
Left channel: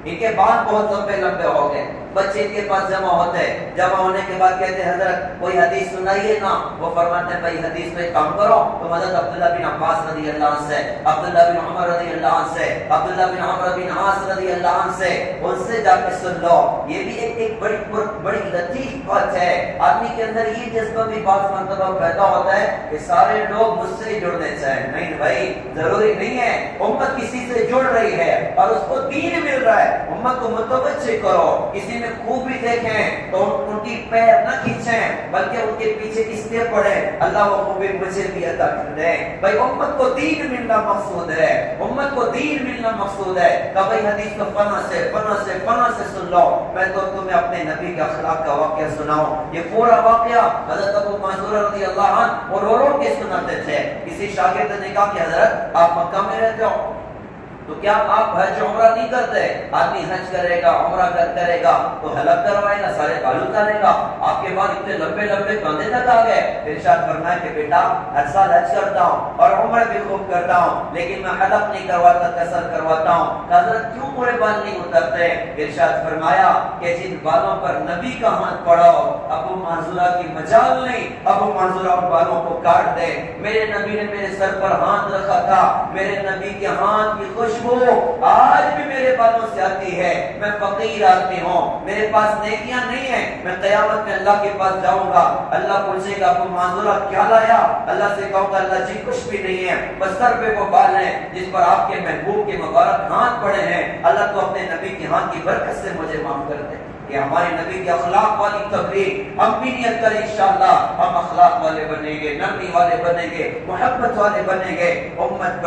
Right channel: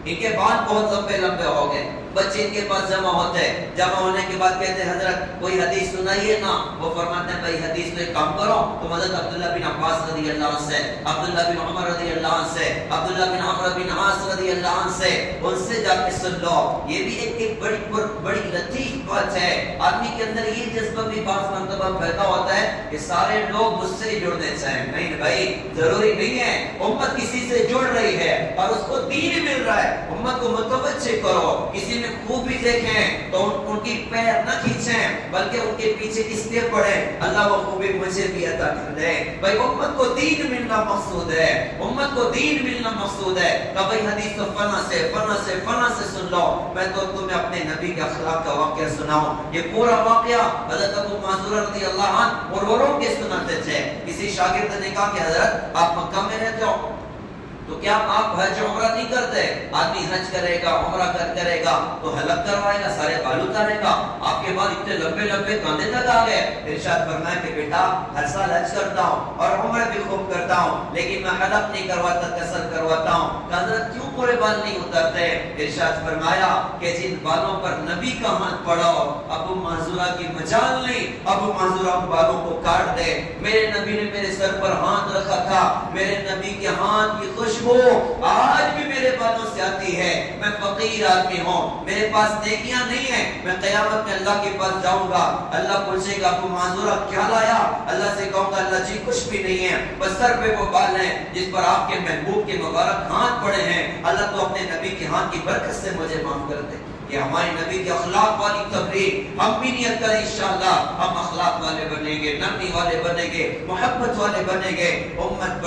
ان کے بال بہت لمبے لمبے ہو گئے، بچے ان کے پاس جمع ہوتے ہیں، جمع ہونے کے بعد کہتے ہیں حضرت کوئی حدیث سنائیے نا۔ وہ فرماتے ہیں بھائی حدیث میں کام کرو، تم حضرت عبداللہ بن عباس رضی اللہ عنہ سے، عبداللہ بن عمر رضی اللہ عنہ سے، عبداللہ بن عمر بن عاص رضی اللہ عنہ سے، ان سے جا کے سن لو۔ یہ بھی ایک بڑی لطیف بات ہے، آدمی کے اندر یہ جذبہ بھی بعض مرتبہ پیدا ہوتا ہے کہ سارے لوگ مجھ سے جڑنے چاہیں۔ نہیں بھائی ضروری نہیں ہے، امت کسی سے جڑ رہی ہے اور اس کو دین مل رہا ہے، امت کو متوجہ کرو، کسی میں خوبی دیکھیں تو ان کی پیر نہ کھینچیں بلکہ ان کے پیچھے اس لیے پڑھیں اللہ وہ خوبی مجھے بھی عطا کر دے۔ بھائی امت کو دین ملنا مقصود ہے، امت کو دین ملنا مقصود ہے۔ کہ بھائی حدیث تو فنا سے سن لو، میں تو تمہیں اپنے نبی کے اخلاق کا واقعہ سناؤں۔ یہ پورا واقعہ حضرت ابو معذورہ رضی اللہ عنہ اور رو کے سناتے تھے۔ کسی شاگرد نے کہا کہ حضرت آپ مکہ میں رہتے ہو تو کیا آپ حج عمرہ نہیں کرتے؟ آدمی حج کرے گا عمرہ کرے گا تو حلق کروائے گا، سارے بال اتارے گا، آپ کے بال اتنے لمبے لمبے کاندھے تک آ گئے۔ ارشاد فرمایا کہ بیٹا ہر سال حج کرتا ہوں اور عمرہ بھی خوب کرتا ہوں لیکن میں حلق نہیں کرواتا، قصر کرواتا ہوں۔ حضرت کیوں پورے بال نہیں اترتے؟ ارشاد فرمایا کہ جن بالوں پر نبی کا ہاتھ پڑا ہو ابو معذورہ کی مجال نہیں، ابو معذورہ بالوں کو کاٹ دے۔ میرے نبی نے میرے سر پر ہاتھ رکھا تھا، میرے نبی کے ہاتھ کی خوشبو خوشبو آج بھی میرے بالوں سے آتی ہے. میں فقیر آدمی ہوں, میرے پاس نیکیاں نہیں ہیں. میں قیامت میں اللہ کے پاس جاؤں گا, اللہ پوچھے گا تو معذورہ کیا لایا؟ اللہ سے کہوں گا اللہ جی کچھ بھی نہیں ہے, بس سر پہ وہ بال ہیں جس پر آپ کے محبوب کے مبارک ہاتھ پڑے ہیں. اللہ تو اپنے نبی کے ہاتھ کی برکت سے مجھے معاف کر دے. یہ ہمارے نبی کے اخلاق والی تبلیغ. ہم بھی نیت کریں انشاءاللہ ہم اخلاق والے بنیں گے, نرمی والے بنیں گے, محبت والے بنیں گے. امت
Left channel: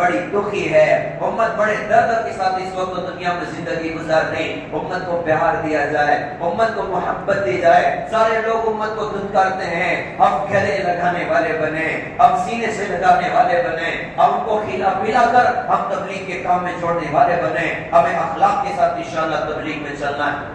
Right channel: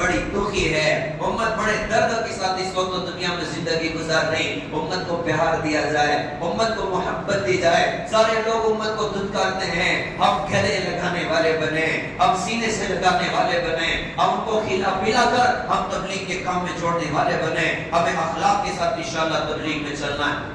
بڑی دکھی ہے, امت بڑے درد کے ساتھ اس وقت دنیا میں زندگی گزار رہی. امت کو پیار دیا جائے, امت کو محبت دی جائے. سارے لوگ امت کو دھتکارتے ہیں, ہم گلے لگانے والے بنے, ہم سینے سے لگانے والے بنے, ہم ان کو کھلا پلا کر ہم تبلیغ کے کام میں جوڑنے والے بنے. ہمیں اخلاق کے ساتھ انشاءاللہ تبلیغ میں چلنا ہے.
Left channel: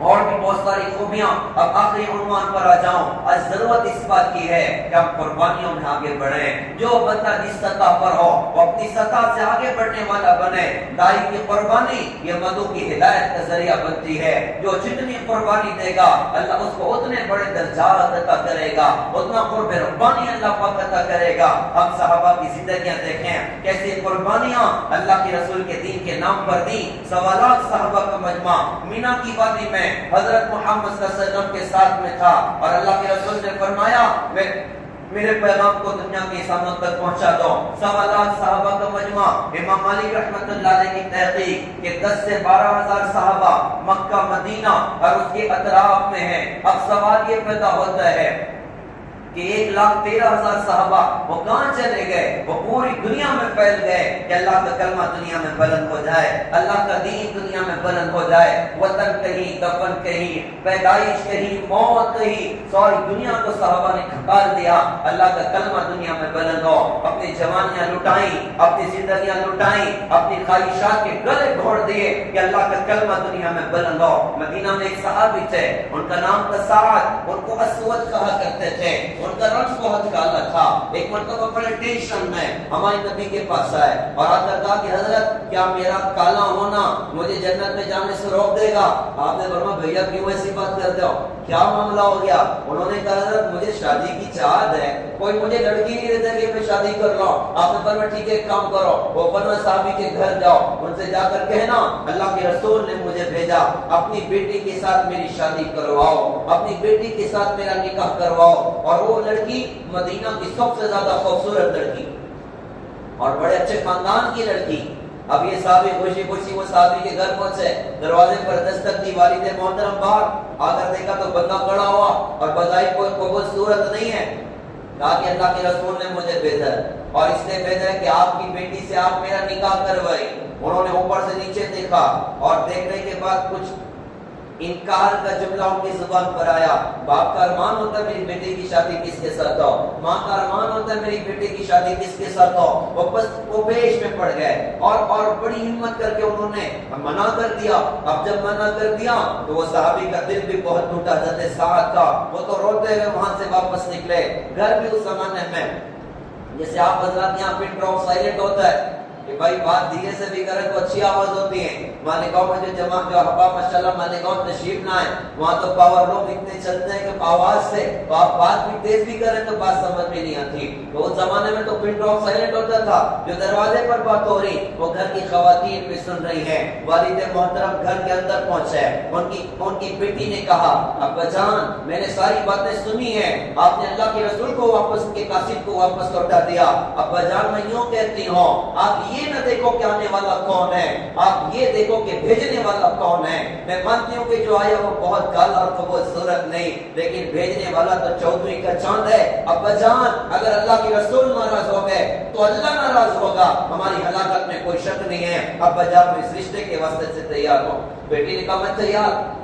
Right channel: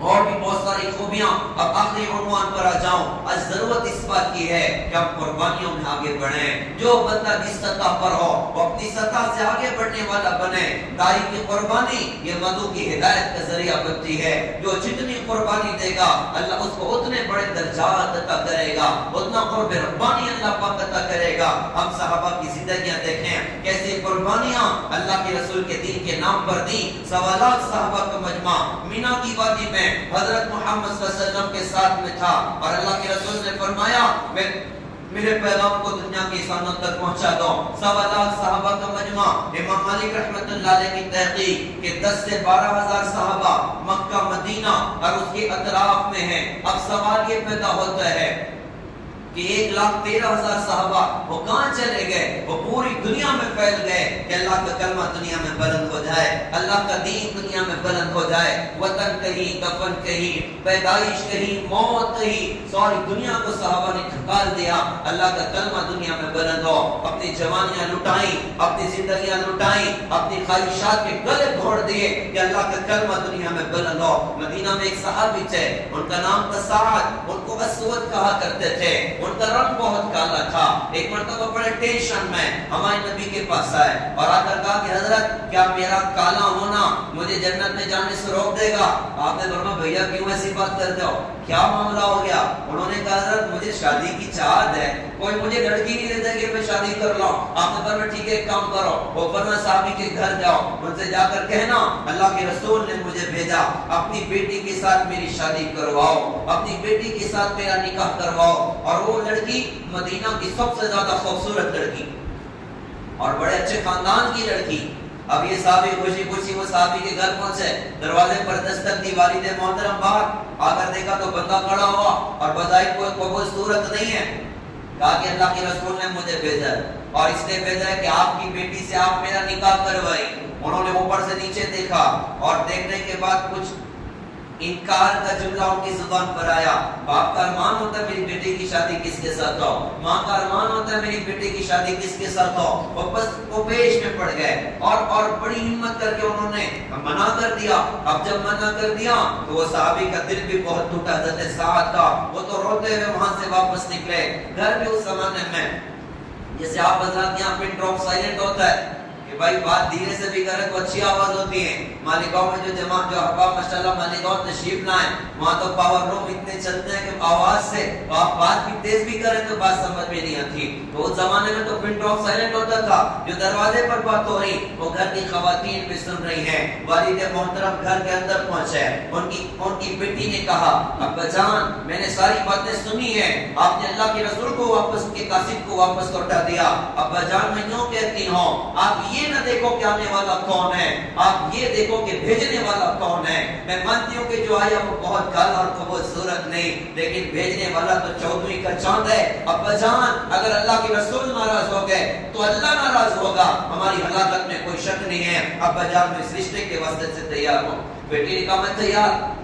اور بھی بہت ساری خوبیاں. اب آخری عنوان پر آ جاؤں. آج ضرورت اس بات کی ہے کہ ہم قربانیوں میں آگے بڑھیں. جو بندہ جس سطح پر ہو وہ اپنی سطح سے آگے بڑھنے والا بنے. دائی کی قربانی یہ مدعو کی ہدایت کا ذریعہ بنتی ہے. جو جتنی قربانی دے گا اللہ اس کو اتنے بڑے درجات عطا کرے گا, اتنا قرب ربانی اللہ پاک عطا کرے گا. ہم صحابہ کی زندگیاں دیکھیں کیسے قربانیاں اللہ کے رسول کے دین کے نام پر دی. سوالات صحابہ کا مجمع مینا کی وادی میں حضرت محمد صلی اللہ علیہ وسلم کے ساتھ میں تھا, اور اللہ کے رسول نے فرمایا میرے پیغام کو دنیا کے انسانوں تک پہنچا دو. سوالات صحابہ کا مجمع. امام مالک رحمت اللہ علیہ کی تحقیق کہ 10 سے 12,000 صحابہ مکہ مدینہ اور اس کے اطراف میں ہیں. اب سوال یہ پیدا ہوتا ہے کہ 1,13,000 صحابہ وہ کہاں چلے گئے؟ وہ پوری دنیا میں پھیل گئے کہ اللہ کا کلمہ دنیا میں بلند ہو جائے, اللہ کا دین دنیا میں بلند ہو جائے. وطن کہیں, دفن کہیں, پیدائش کہیں, موت کہیں, ساری دنیا کو صحابہ نے ٹھکار دیا. اللہ کا کلمہ دنیا میں بلند ہو. اپنی جوانیاں لٹائیں, اپنی زندگیاں لٹائیں, اپنی خواہشات کے گلے گھوڑ دیے کہ اللہ کا کلمہ دنیا میں بلند ہو. مدینہ میں ایک صحابی تھے, ان کا نام تھا سعد, ان کو اسود کہا کرتے تھے, ان کا رنگ بہت کالا تھا. ایک مرتبہ بڑے ٹینشن میں ہمارے نبی کے پاس آئے اور آ کر کہا کہ حضرت کیا میرا کالا ہونا مجھے جنت میں جانے سے روک دے گا؟ آپ نے فرمایا بھیا کیوں ایسی بات کرتے ہو, کیا معاملہ ہو گیا؟ انہوں نے کہا حضرت مجھے شادی کی چاہت ہے, کوئی مجھے لڑکی نہیں دیتا کہ میں شادی کر لوں. آپ نے فرمایا ٹھیک ہے ایک کام کرو, وہ فلاں صحابی کے گھر جاؤ, ان سے جا کر کہنا اللہ کے رسول نے مجھے بھیجا, اپنی بیٹی کے ساتھ میری شادی کرواؤ, اپنی بیٹی کے ساتھ میرا نکاح کرواؤ. اور وہ لڑکی مدینہ کی سب سے زیادہ خوبصورت لڑکی اور بڑے اچھے خاندان کی لڑکی. اب یہ صحابی خوشی خوشی وہ صحابی کے گھر پہنچے, دروازے پر دستک دی, والد محترم باہر آ کر دیکھا تو بندہ کھڑا ہوا اور بظاہر کوئی صورت نہیں ہے. کہا کہ اللہ کے رسول نے مجھے بھیجا ہے اور اس نے بھیجا ہے کہ آپ کی بیٹی سے آپ میرا نکاح کروائی. انہوں نے اوپر سے نیچے دیکھا اور دیکھنے کے بعد کچھ انکار کا جملہ ان کی زبان پر آیا. باپ کا ارمان ہوتا ہے میری بیٹے کی شادی کس کے ساتھ ہو, ماں کا ارمان ہوتا ہے میری بیٹے کی شادی کس کے ساتھ ہو. وہ پیش میں پڑ گئے اور بڑی ہمت کر کے انہوں نے منع کر دیا. اب جب منع کر دیا تو وہ صحابی کا دل بھی بہت ٹوٹا, حضرت سعد کا. وہ تو روتے ہوئے وہاں سے واپس نکلے. گھر بھی اس زمانے میں جیسے آپ حضرات یہاں پہ ڈراپ سائلنٹ ہوتا ہے کہ بھائی بات دھیرے سے بھی کرے تو اچھی آواز ہوتی ہے. مالیگاؤں میں جو جماعت جو احباب ماشاءاللہ مالیگاؤں تشریف نہ آئے, وہاں تو پاور لوگ اتنے چلتے ہیں کہ آواز سے آپ بات بھی تیز بھی کریں تو بات سمجھ میں نہیں آتی. تو اس زمانے میں تو پن ڈراپ سائلنٹ ہوتا تھا. جو دروازے پر بات ہو رہی وہ گھر کی خواتین بھی سن رہی ہیں. والد محترم گھر کے اندر پہنچے, ان کی بیٹی نے کہا ابا جان میں نے ساری باتیں سنی ہیں, آپ نے اللہ کے رسول کو واپس کے قاصد کو واپس لوٹا دیا. ابا جان میں یوں کہتی ہوں آپ یہ نہ دیکھو کہ آنے والا کون ہے, آپ یہ دیکھو کہ بھیجنے والا کون ہے. میں مانتی ہوں کہ جو آیا وہ بہت کالا اور خوبصورت نہیں, لیکن بھیجنے والا تو چودھری کا چاند ہے. ابا جان اگر اللہ کے رسول ناراض ہو گئے تو اللہ ناراض ہوگا, ہماری ہلاکت میں کوئی شک نہیں ہے. ابا جان میں اس رشتے کے واسطے سے تیار ہوں. بیٹی نے کہا میں تیار.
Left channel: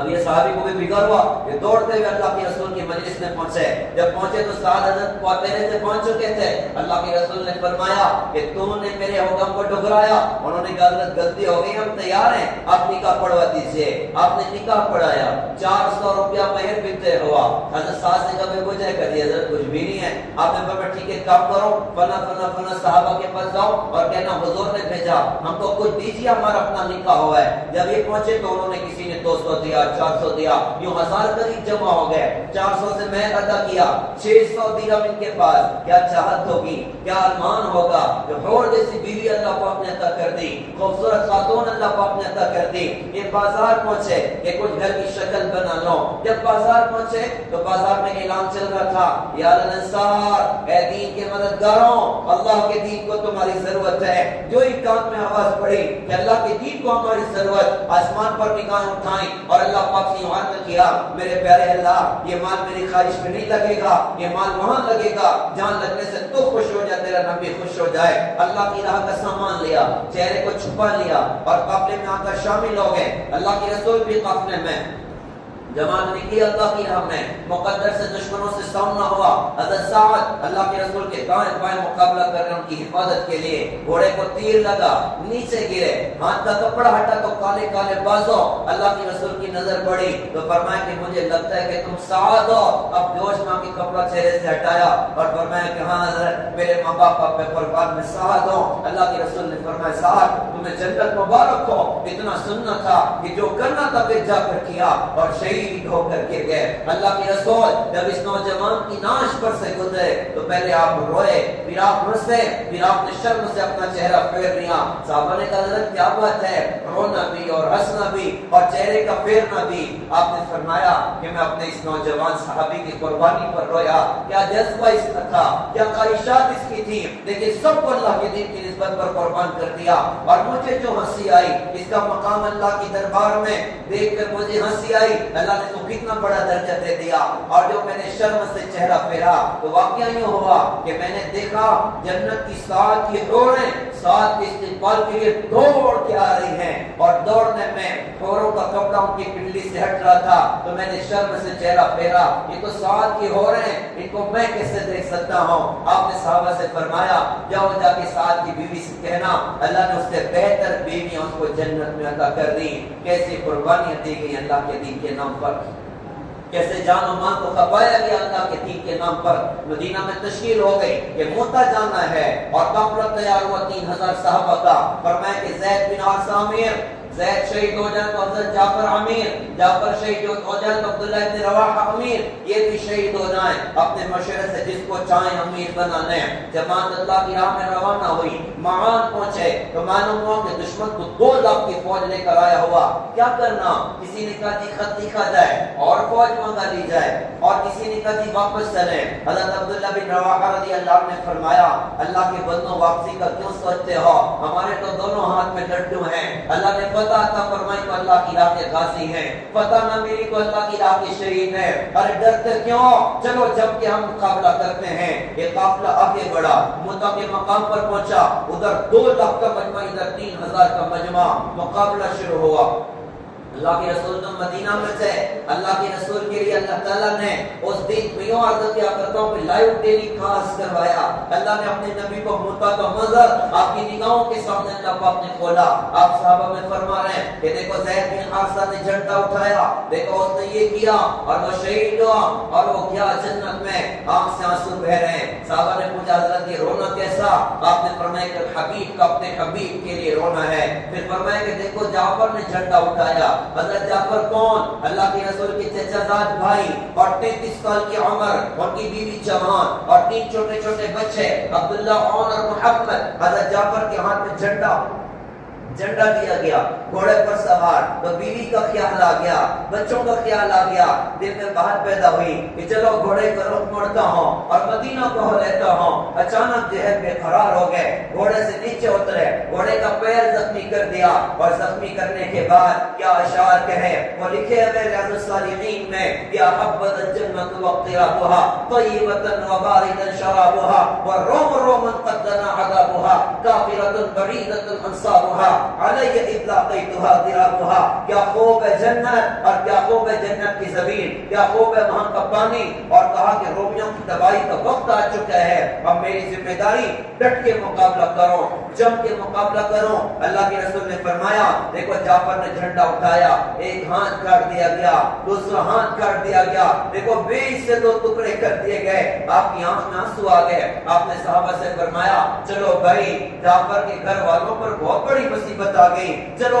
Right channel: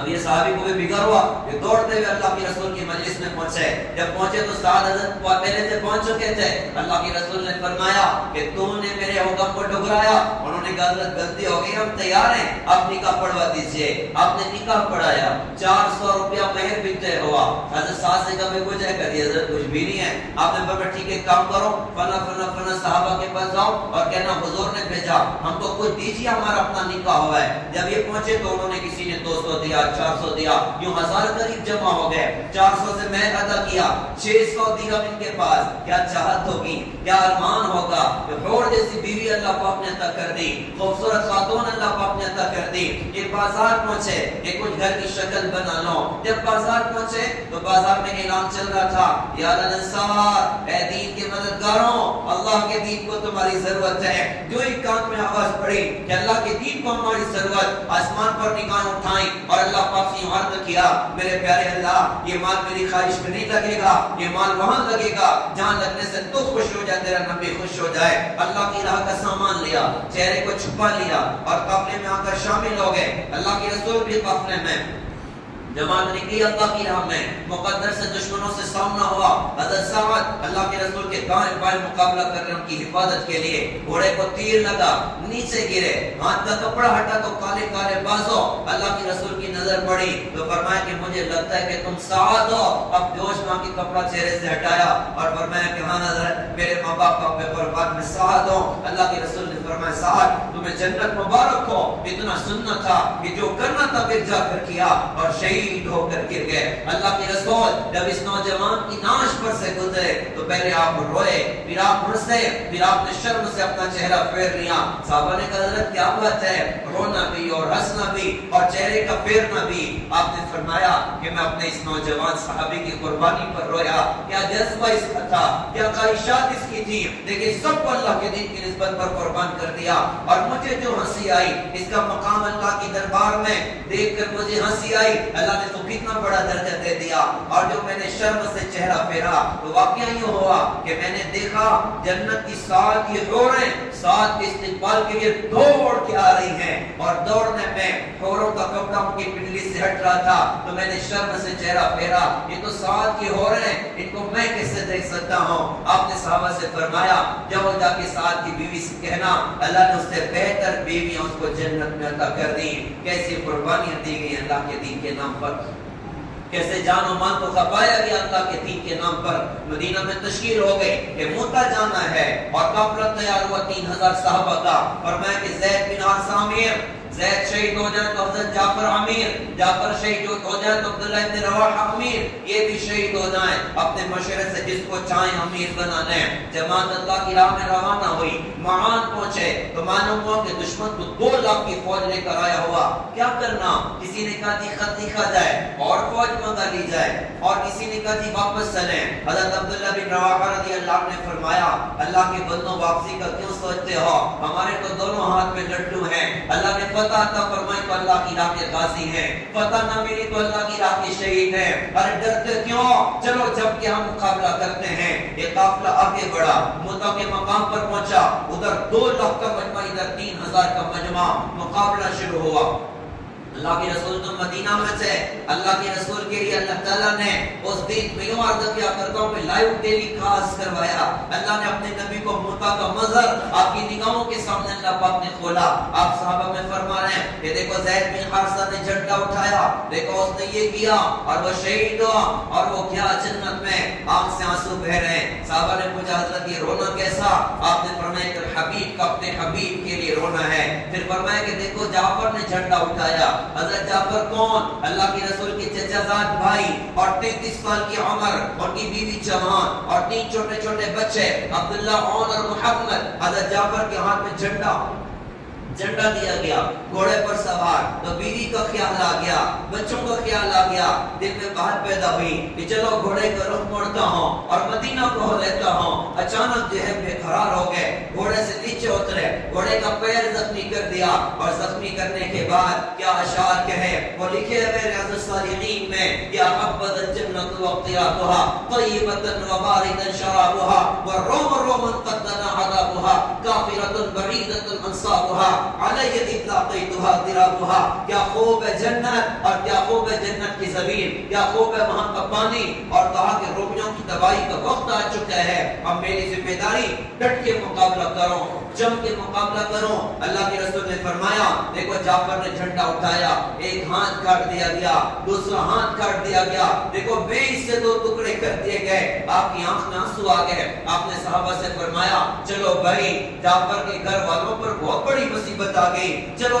اب یہ صحابی کو بھی بگڑ ہوا, یہ دوڑتے ہوئے اللہ کے رسول کی مجلس میں پہنچے. جب پہنچے تو سعد حضرت پہلے سے پہنچ چکے تھے. اللہ کے رسول نے فرمایا کہ تم نے میرے حکم کو ٹھکرایا. انہوں نے کہا حضرت غلطی ہو گئی, ہم تیار ہیں, آپ نکاح پڑھوا دیجئے. آپ نے نکاح پڑھایا, 400 روپیہ مہر بھی طے ہوا. حضرت سعد سے کہا میں کچھ ہے کہا حضرت کچھ بھی نہیں ہے. آپ نے فرمایا ٹھیک ہے کام کرو, فلاں فلاں فلاں صحابہ کے پاس جاؤ اور کہنا حضور نے بھیجا, ہم کو کچھ دیجیے, ہمارا اپنا نکاح ہوا ہے. جب یہ پہنچے تو انہوں نے کسی نے 200 دیا, 1400 دیا, یوں 1000 قریب جمع ہو گئے. 400 سے میں ادا کیا, 600 درہم ان کے پاس. کیا چاہت ہوگی, کیا ارمان ہوگا کہ حور جیسی بیوی اللہ پاک نے عطا کر دی, خوبصورت خاتون اللہ پاک نے عطا کر دی. یہ بازار پہنچے کہ کچھ گھر کی شکل بنا لو. جب بازار پہنچے تو بازار میں اعلان چل رہا تھا, یا الانصار, اے دین کے مددگاروں, اللہ کے دین کو تمہاری ضرورت ہے. جو ایک کان میں آواز پڑی کہ اللہ کے دین کو ہماری ضرورت, آسمان پر نگاہیں اٹھائیں اور اللہ پاک سے عرض کیا, میرے پیارے اللہ, یہ مال میری خواہش میں نہیں لگے گا, یہ مال وہاں لگے گا جہاں لگنے سے تو خوش ہو جائے, تیرا نبی خوش ہو جائے. اللہ کی راہ کا سامان لیا, چہرے کو چھپا لیا اور قافلے میں آ کر شامل ہو گئے. اللہ کے رسول بھی قافلے میں جماعت نکلی اللہ کی راہ میں. مقدر سے دشمنوں سے سامنا ہوا. حضرت سعد اللہ کے رسول کے دائیں بائیں مقابلہ کر رہے, ان کی حفاظت کے لیے. گھوڑے کو تیر لگا, نیچے گرے, ہاتھ کا کپڑا ہٹا تو کالے کالے بازوں. اللہ کے رسول کی نظر پڑی تو فرمایا کہ مجھے لگتا ہے کہ تم سعد ہو. اب جوش ماں کی کپڑا چہرے سے ہٹایا اور فرمایا کہ ہاں حضرت, میرے ماں باپ کا قربان میں سعد ہوں. اللہ کے رسول نے فرمایا, سعد تمہیں جنت مبارک ہو, اتنا سننا تھا کہ جو کرنا تھا پھر جا کر کیا, اور شہید ہو کر گر گئے. اللہ کے رسول جب اس نوجوان کی ناش پر سے گزرے تو پہلے آپ روئے, پھر آپ ہنسے, پھر آپ نے شرم سے اپنا چہرہ پھیر لیا. صحابہ نے کہا, حضرت کیا بات ہے, رونا بھی اور ہنسنا بھی اور چہرے کا پھیرنا بھی. آپ نے فرمایا کہ میں اپنے اس نوجوان صحابی کی قربانی پر رویا. کیا جذبہ اس کا تھا, کیا خواہشات اس کی تھی, لیکن سب کو اللہ کے دین کی نسبت پر قربان کر دیا. اور مجھے جو ہنسی آئی, اس کا مقام اللہ کی دربار میں دیکھ کر مجھے ہنسی آئی. اللہ نے تو کتنا بڑا درجہ دے دیا. اور جو میں نے شرم سے چہرہ پھیرا تو واقعہ یہ ہوا کہ میں نے دیکھا جنت کی 7 حوریں 7 استقبال کے لیے دوڑ کے آ رہی ہیں, اور دوڑنے میں حوروں کا کپڑا ان کی پنڈلی سے ہٹ رہا تھا. تو میں نے شرم سے چہرہ پھیرا, یہ تو 7 حوریں, ان کو میں کیسے دیکھ سکتا ہوں. آپ نے صحابہ سے فرمایا, جاؤ جا کے 7 کی بیوی سے کہنا اللہ نے اس سے بہتر بیویاں اس کو جنت میں عطا کر دی. کیسی قربانیاں دی گئی اللہ کے دین کے نام پر, کیسے جان و مال کو کھپایا گیا اللہ کے دین کے نام پر. مدینہ میں تشکیل ہو گئی کہ موتا جانا ہے, اور قافلہ تیار ہوا 3000 صحابہ کا. فرمایا کہ زید بن حارثہ امیر, زید شہید ہو جائے تو حضرت جعفر امیر, جعفر شہید ہو جائے تو عبداللہ ابن رواحہ امیر, یہ بھی شہید ہو جائیں. اپنے مشورے سے جس کو چاہیں امیر بنا لیں. جماعت اللہ کی راہ میں روانہ ہوئی, معان پہنچے تو معلوم ہوا کہ دشمن کو 2 لاکھ کی فوج لے کر آیا ہوا. کیا کرنا, کسی نے کہا جی خط لکھا جائے اور فوج منگا لی جائے, اور کسی نے کہا جی واپس چلیں. حضرت عبداللہ بن رواحہ رضی اللہ عنہ نے فرمایا, اللہ کے بندوں واپسی کا کیوں سوچتے ہو, ہمارے تو دونوں ہاتھ میں لڈو ہیں. اللہ نے فتح عطا فرمائی تو اللہ کی راہ کے غازی ہیں, فتح نہ ملی تو اللہ کی راہ کے شہید ہیں. ارے ڈرتے کیوں, چلو جب کہ ہم مقابلہ کرتے ہیں. یہ قافلہ آگے بڑھا, موتا کے مقام پر پہنچا, ادھر 2 لاکھ کا مجمع, ادھر 3000 کا مجمع. مقابلہ شروع ہوا. اللہ کے رسول تو مدینہ میں سے, اللہ کے رسول کے لیے اللہ تعالیٰ نے اس دن میں یوں عرض کیا کرتا ہوں کہ لائیو ٹیلی کاسٹ کروایا. اللہ نے اپنے نبی کو موتا کا منظر آپ کی نگاہوں کے سامنے اللہ پاک نے کھولا. آپ صحابہ میں فرما رہے ہیں کہ دیکھو زید بن حارثہ نے جھنڈا اٹھایا, دیکھو اس نے یہ کیا اور وہ شہید ہوا, اور وہ کیا جنت میں آنکھ سے آنسو بہ رہے ہیں. صحابہ نے پوچھا حضرت یہ رونا کیسا, آپ نے فرمایا کہ حبیب کا اپنے حبیب کے لیے رونا ہے. پھر فرمایا کہ دیکھو جعفر نے جھنڈا اٹھایا. حضرت جعفر کون, اللہ کے رسول کے چچا زاد بھائی, اور 33 سال کی عمر, ان کی بیوی جوان, اور 3 چھوٹے چھوٹے بچے عبداللہ, عون اور محمد. حضرت جعفر کے ہاتھ میں جھنڈا دیا گیا, گھوڑے پر سوار. تو بیوی کا خیال آ گیا, بچوں کا خیال آ گیا, دل میں بات پیدا ہوئی کہ چلو گھوڑے کا رخ موڑتا ہوں اور مدینہ کو لیتا ہوں. اچانک جو ہے بے قرار ہو گئے, گھوڑے سے نیچے اترے, گھوڑے کا پیر زخمی کر دیا, اور زخمی کرنے کے بعد کیا اشعار کہے وہ لکھے ہوئے ریاض الصالحین میں, یا حبذ الجنۃ واقترابها طیبۃ وباردا شرابها والروم روم قد دنا عذابها کافرۃ بعیدۃ انصابها علی اطلاقیتها ذرابها. کیا خوب ہے جنت, اور کیا خوب ہے جنت کی زمین, کیا خوب ہے وہاں کا پانی. اور کہا کہ رومیوں کی تباہی کا وقت آ چکا ہے, اب میری ذمہ داری ڈٹ کے مقابلہ کرو, جم کے مقابلہ کرو. اللہ کے رسول نے فرمایا دیکھو جعفر نے جھنڈا اٹھایا, ایک ہاتھ کاٹ دیا گیا, دوسرا ہاتھ کاٹ دیا گیا, دیکھو 20 سے 2 ٹکڑے کر دیے گئے. آپ کی آنکھ میں آنسو آ گئے. آپ نے صحابہ سے فرمایا چلو بھائی, جعفر کے گھر والوں پر بہت بڑی مصیبت آ گئی, چلو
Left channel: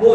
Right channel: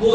2